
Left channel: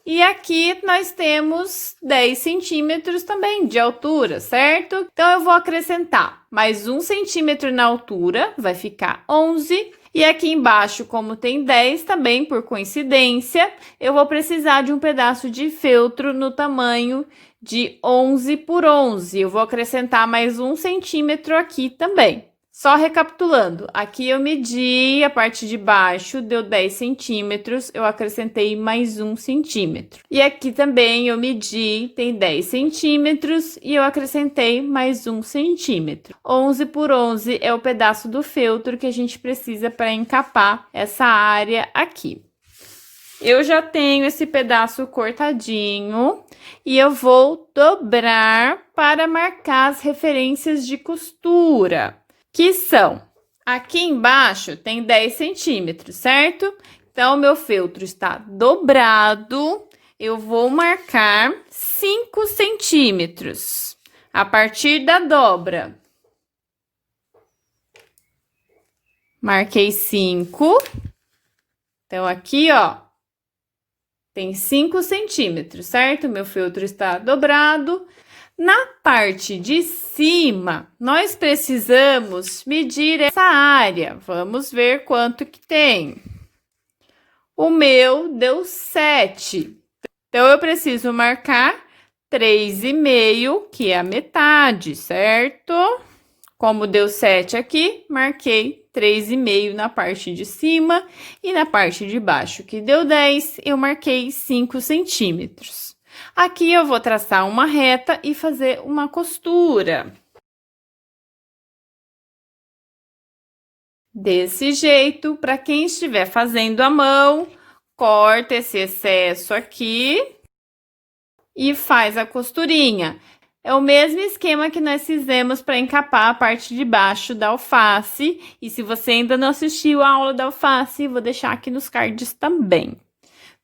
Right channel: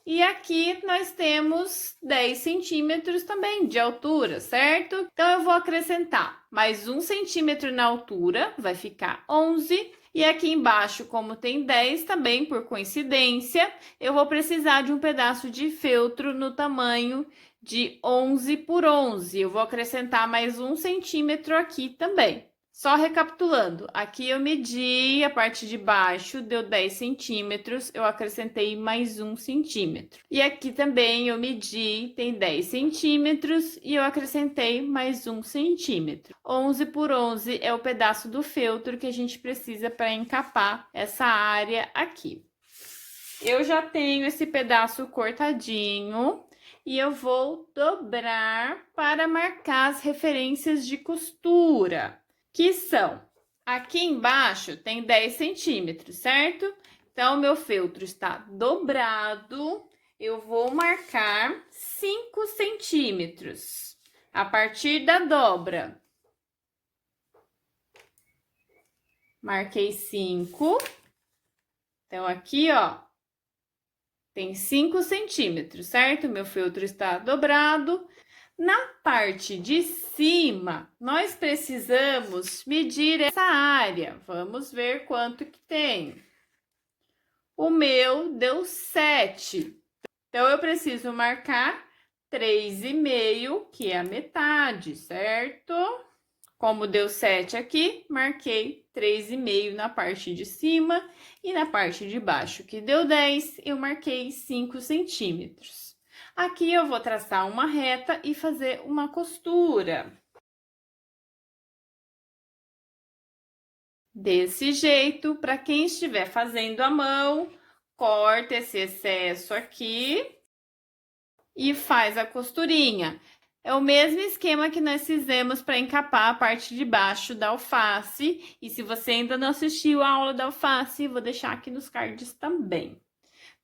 E aqui nós temos 10 centímetros também de altura, certo? Então, eu vou acrescentar mais 1 centímetro na altura, vai ficar 11. E aqui embaixo, como tem 10 também, por coincidência, eu vou precisar de um pedaço de feltro no tamanho de 11 por 11. Eu vou acrescentar mais 1 centímetro aqui também, Só recapitulando, aqui eu medi a parte de baixo, deu 10 centímetros, eu acrescentei mais 1 centímetro. E aqui também eu medi, tem 10 centímetros e eu acrescentei mais 1 centímetro. 11 por 11 é o pedaço do feltro que a gente precisa para encapar essa área aqui. Eu já tenho esse pedaço cortadinho e eu vou dobrar para marcar as referências de costura, que são, aqui embaixo tem 10 centímetros, certo? Então, meu feltro está dobrado, eu vou marcar 5 centímetros a partir da dobra. Marquei 5. Então, aqui, ó, tem 5 centímetros, certo? Meu feltro está dobrado. Na parte de cima, nós precisamos medir essa área. Vamos ver quanto que tem. O meu deu 7. Então, eu preciso marcar 3,5, que é a metade, certo? Como deu 7 aqui, marquei 3,5 na parte de cima e na parte de baixo, que deu 10, eu marquei 5 centímetros. Aqui eu vou traçar uma reta e fazer uma costura. Desse jeito, para quem estiver fazendo à mão, corta esse excesso aqui e faz a costurinha. É o mesmo esquema que nós fizemos para encapar a parte de baixo da alface. E se você ainda não assistiu a aula da alface, vou deixar aqui nos cards também.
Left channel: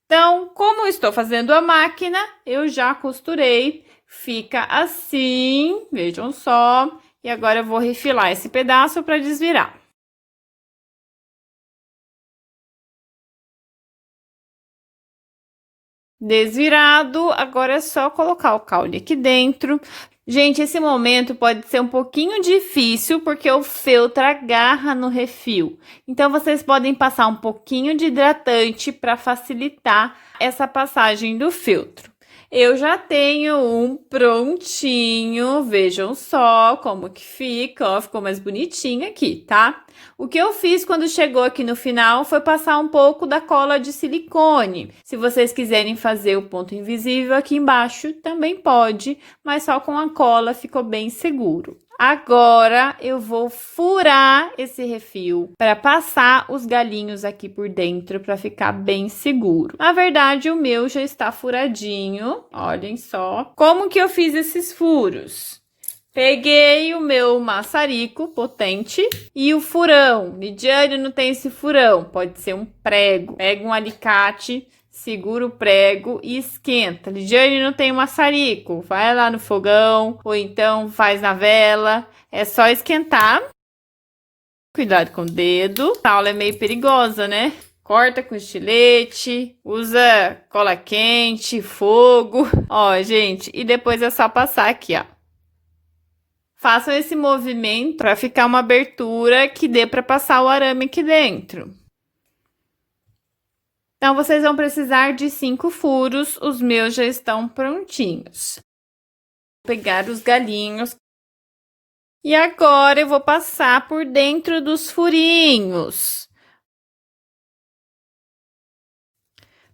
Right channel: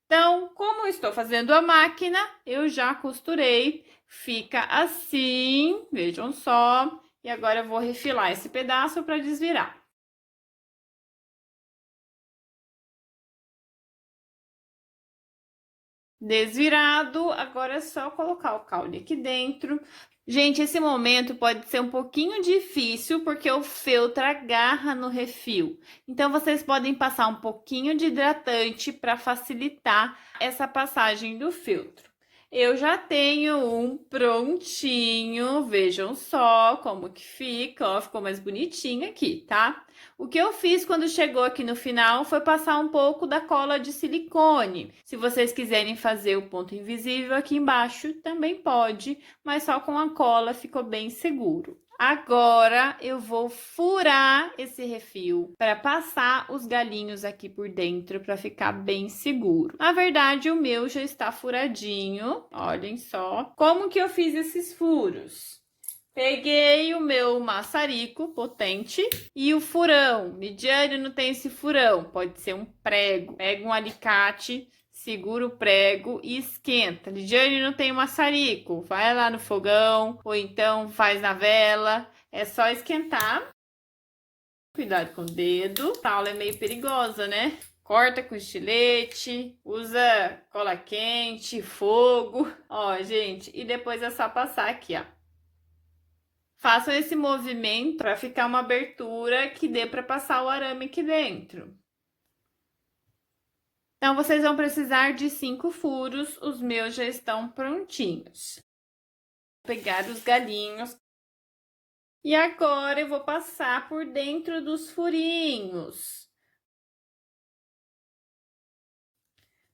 Então, como eu estou fazendo a máquina, eu já costurei, fica assim, vejam só. E agora eu vou refilar esse pedaço para desvirar. Desvirado, agora é só colocar o caule aqui dentro. Gente, esse momento pode ser um pouquinho difícil, porque o feltro agarra no refil. Então, vocês podem passar um pouquinho de hidratante para facilitar essa passagem do feltro. Eu já tenho um prontinho, vejam só como que fica, ó, ficou mais bonitinho aqui, tá? O que eu fiz quando chegou aqui no final foi passar um pouco da cola de silicone. Se vocês quiserem fazer o ponto invisível aqui embaixo, também pode, mas só com a cola ficou bem seguro. Agora, eu vou furar esse refil para passar os galinhos aqui por dentro para ficar bem seguro. Na verdade, o meu já está furadinho, olhem só. Como que eu fiz esses furos? Peguei o meu maçarico potente e o furão. Lidiane, não tem esse furão, pode ser um prego. Pega um alicate, segura o prego e esquenta. Lidiane, não tem maçarico, vai lá no fogão ou então faz na vela. É só esquentar. Cuidado com o dedo. A aula é meio perigosa, né? Corta com estilete, usa cola quente, fogo. Ó, gente, e depois é só passar aqui, ó. Façam esse movimento para ficar uma abertura que dê para passar o arame aqui dentro. Então, vocês vão precisar de 5 furos, os meus já estão prontinhos. Vou pegar os galinhos. E agora, eu vou passar por dentro dos furinhos.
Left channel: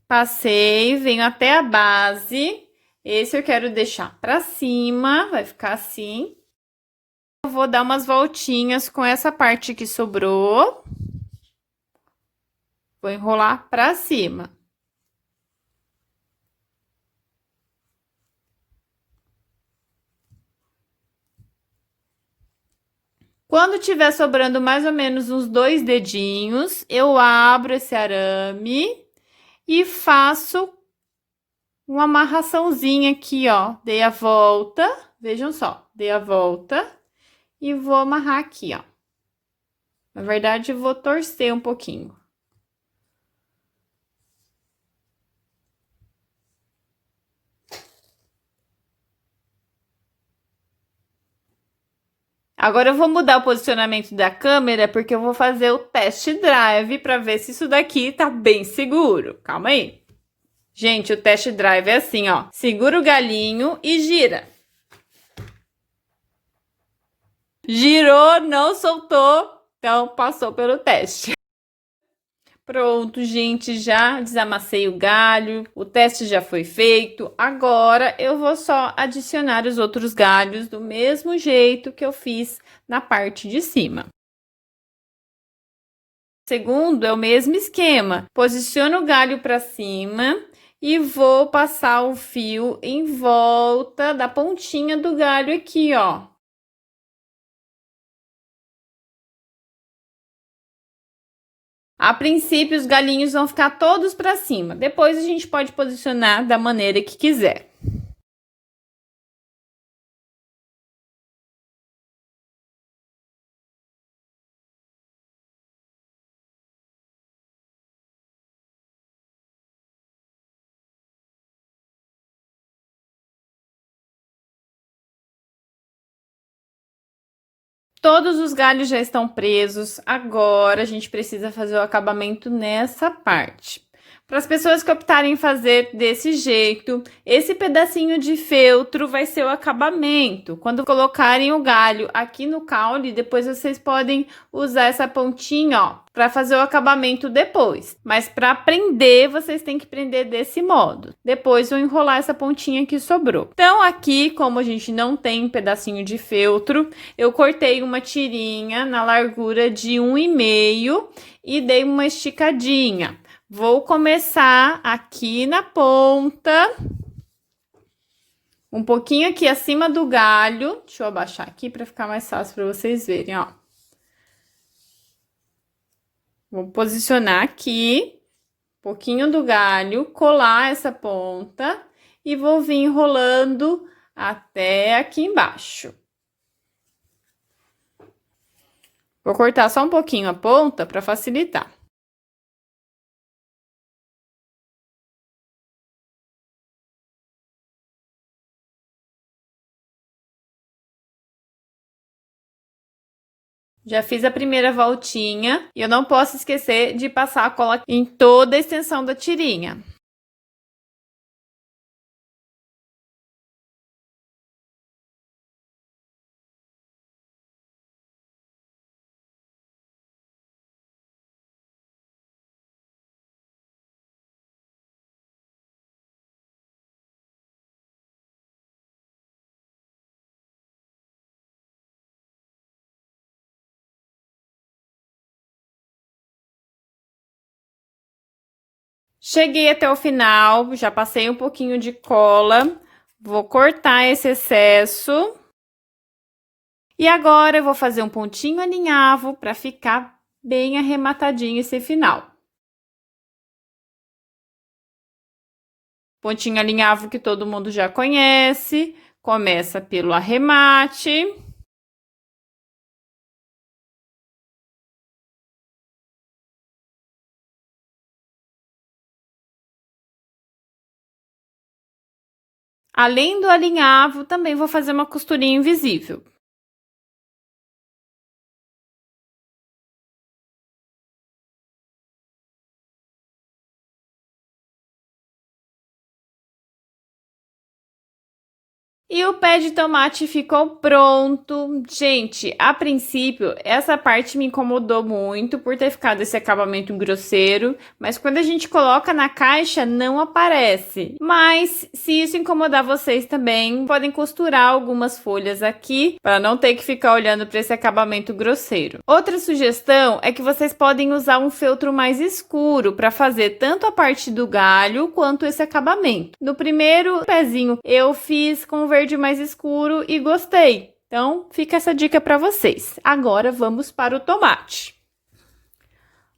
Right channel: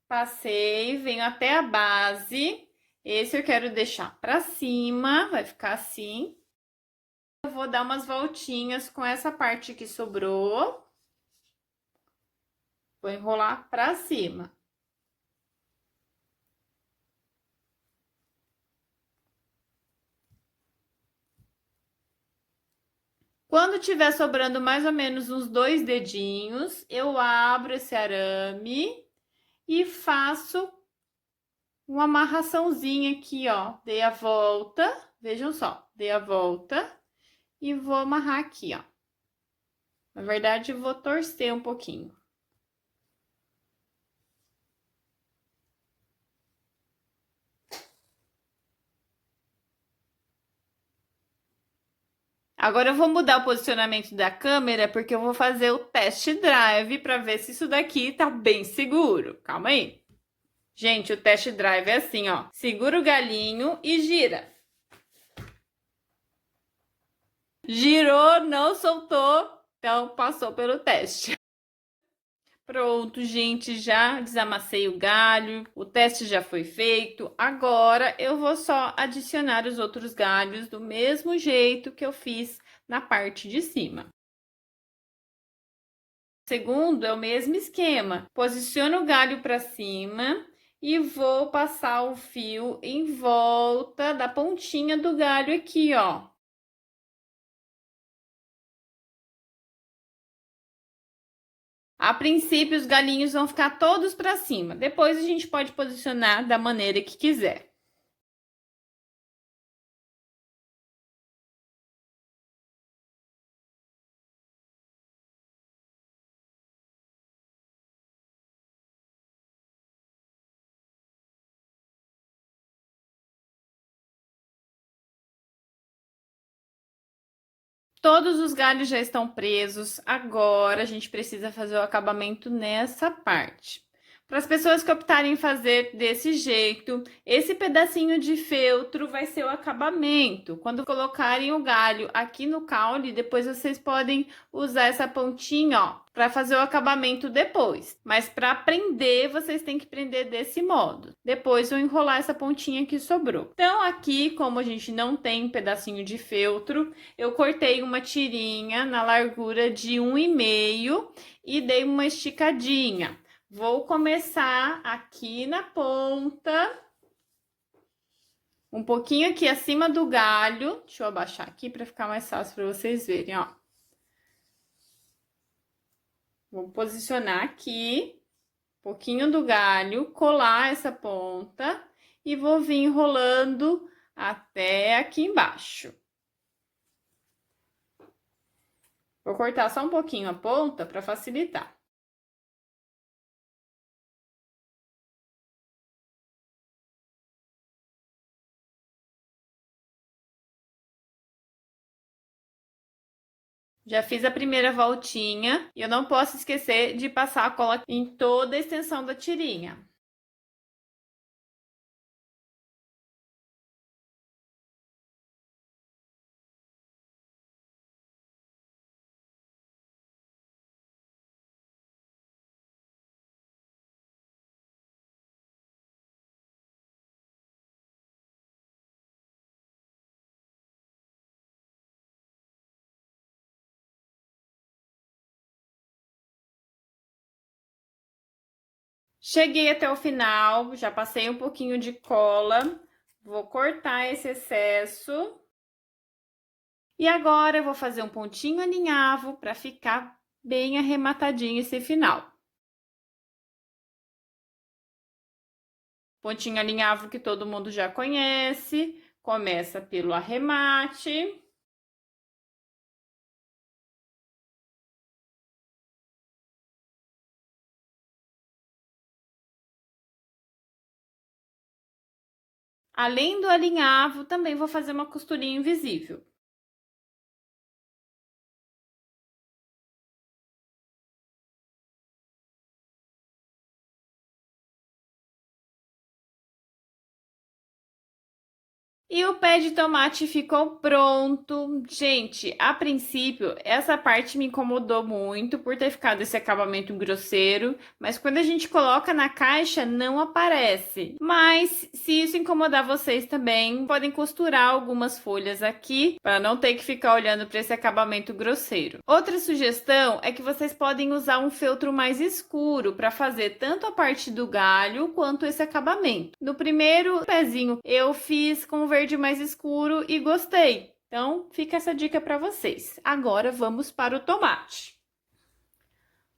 Passei, venho até a base. Esse eu quero deixar para cima, vai ficar assim. Eu vou dar umas voltinhas com essa parte que sobrou. Vou enrolar para cima. Quando tiver sobrando mais ou menos uns 2 dedinhos, eu abro esse arame e faço uma amarraçãozinha aqui, ó. Dei a volta, vejam só, dei a volta e vou amarrar aqui, ó. Na verdade, eu vou torcer um pouquinho. Agora eu vou mudar o posicionamento da câmera, porque eu vou fazer o test drive para ver se isso daqui tá bem seguro. Calma aí. Gente, o test drive é assim, ó. Segura o galinho e gira. Girou, não soltou, então passou pelo teste. Pronto, gente, já desamassei o galho, o teste já foi feito. Agora eu vou só adicionar os outros galhos do mesmo jeito que eu fiz na parte de cima. Segundo é o mesmo esquema. Posiciono o galho para cima e vou passar o fio em volta da pontinha do galho aqui, ó. A princípio, os galinhos vão ficar todos para cima. Depois a gente pode posicionar da maneira que quiser. Todos os galhos já estão presos. Agora a gente precisa fazer o acabamento nessa parte. Para as pessoas que optarem em fazer desse jeito, esse pedacinho de feltro vai ser o acabamento. Quando colocarem o galho aqui no caule, depois vocês podem usar essa pontinha, ó, para fazer o acabamento depois. Mas para prender, vocês têm que prender desse modo. Depois vou enrolar essa pontinha que sobrou. Então aqui, como a gente não tem um pedacinho de feltro, eu cortei uma tirinha na largura de 1,5 e dei uma esticadinha. Vou começar aqui na ponta, um pouquinho aqui acima do galho. Deixa eu abaixar aqui para ficar mais fácil para vocês verem, ó. Vou posicionar aqui, um pouquinho do galho, colar essa ponta e vou vir enrolando até aqui embaixo. Vou cortar só um pouquinho a ponta para facilitar. Já fiz a primeira voltinha e eu não posso esquecer de passar a cola em toda a extensão da tirinha. Cheguei até o final, já passei um pouquinho de cola, vou cortar esse excesso. E agora eu vou fazer um pontinho alinhavo para ficar bem arrematadinho esse final. Pontinho alinhavo que todo mundo já conhece, começa pelo arremate. Além do alinhavo, também vou fazer uma costurinha invisível. E o pé de tomate ficou pronto. Gente, a princípio, essa parte me incomodou muito por ter ficado esse acabamento grosseiro, mas quando a gente coloca na caixa, não aparece. Mas, se isso incomodar vocês também, podem costurar algumas folhas aqui, para não ter que ficar olhando para esse acabamento grosseiro. Outra sugestão é que vocês podem usar um feltro mais escuro para fazer tanto a parte do galho quanto esse acabamento. No primeiro pezinho, eu fiz com verde mais escuro e gostei. Então, fica essa dica para vocês. Agora, vamos para o tomate.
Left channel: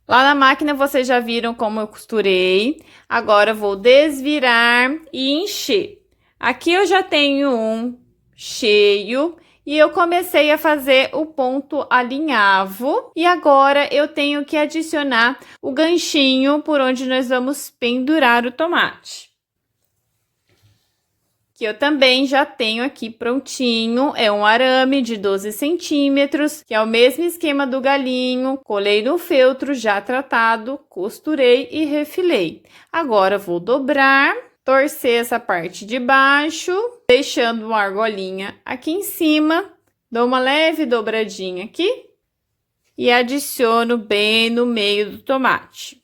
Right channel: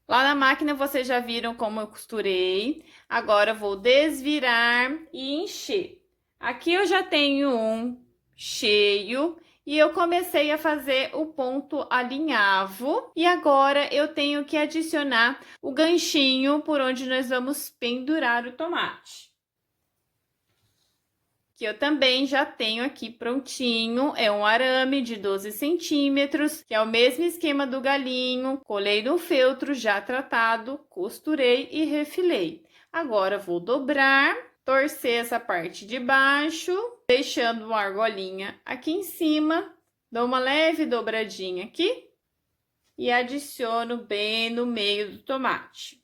Lá na máquina, vocês já viram como eu costurei. Agora, vou desvirar e encher. Aqui eu já tenho um cheio e eu comecei a fazer o ponto alinhavo. E agora, eu tenho que adicionar o ganchinho por onde nós vamos pendurar o tomate. Que eu também já tenho aqui prontinho, é um arame de 12 centímetros, que é o mesmo esquema do galinho, colei no feltro já tratado, costurei e refilei. Agora, vou dobrar, torcer essa parte de baixo, deixando uma argolinha aqui em cima Dou uma leve dobradinha aqui e adiciono bem no meio do tomate.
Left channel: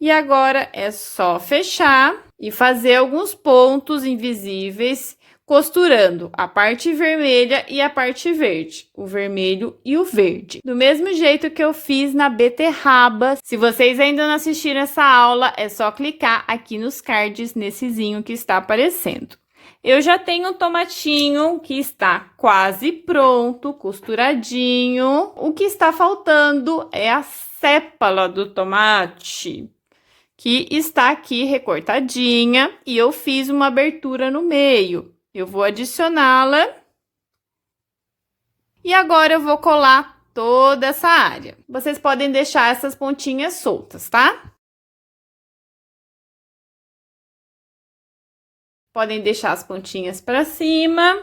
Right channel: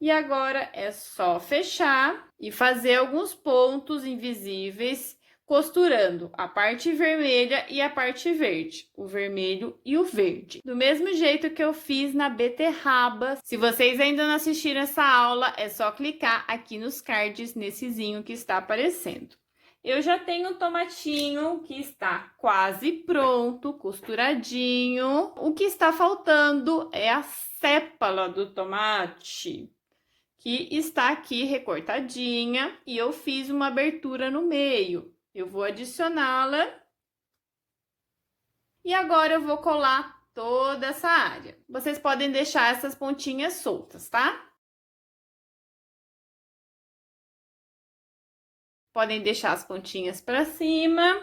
E agora é só fechar e fazer alguns pontos invisíveis, costurando a parte vermelha e a parte verde, o vermelho e o verde. Do mesmo jeito que eu fiz na beterraba. Se vocês ainda não assistiram essa aula, é só clicar aqui nos cards, nessezinho que está aparecendo. Eu já tenho o tomatinho que está quase pronto, costuradinho. O que está faltando é a sépala do tomate, que está aqui recortadinha, e eu fiz uma abertura no meio. Eu vou adicioná-la. E agora eu vou colar toda essa área. Vocês podem deixar essas pontinhas soltas, tá? Podem deixar as pontinhas para cima.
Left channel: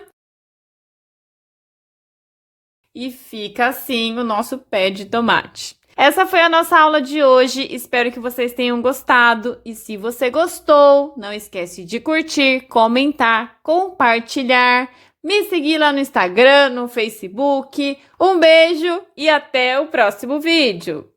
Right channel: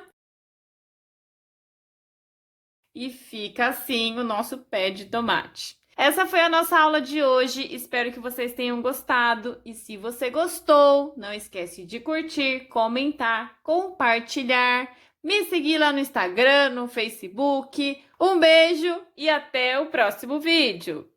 E fica assim o nosso pé de tomate. Essa foi a nossa aula de hoje, espero que vocês tenham gostado e se você gostou, não esquece de curtir, comentar, compartilhar, me seguir lá no Instagram, no Facebook. Um beijo e até o próximo vídeo!